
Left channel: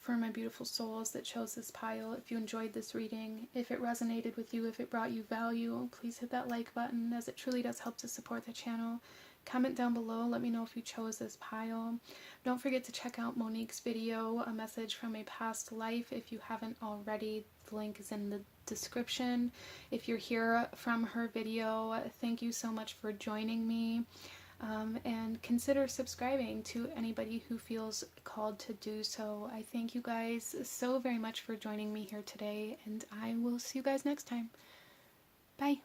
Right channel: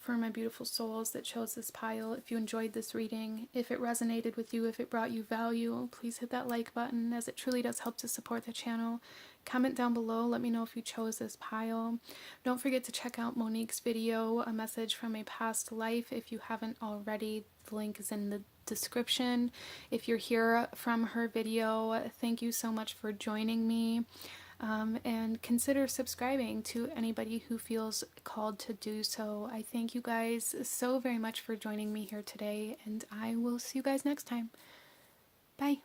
for my beautiful souls that chose this pile. If you enjoyed this reading, if it resonated with you, if it brought you value, please hit that like button, as it truly does help to support the channel. Comment down below, let me know if you chose this pile. Don't forget to check out Monique's video, A Message from a Past Life, if you haven't already. The link is in the description. If you're here from her video, thank you so much for joining me. And consider subscribing to anybody who feels called to do so. I thank you guys so very much for joining me here today, and I will see you guys next time. Bye.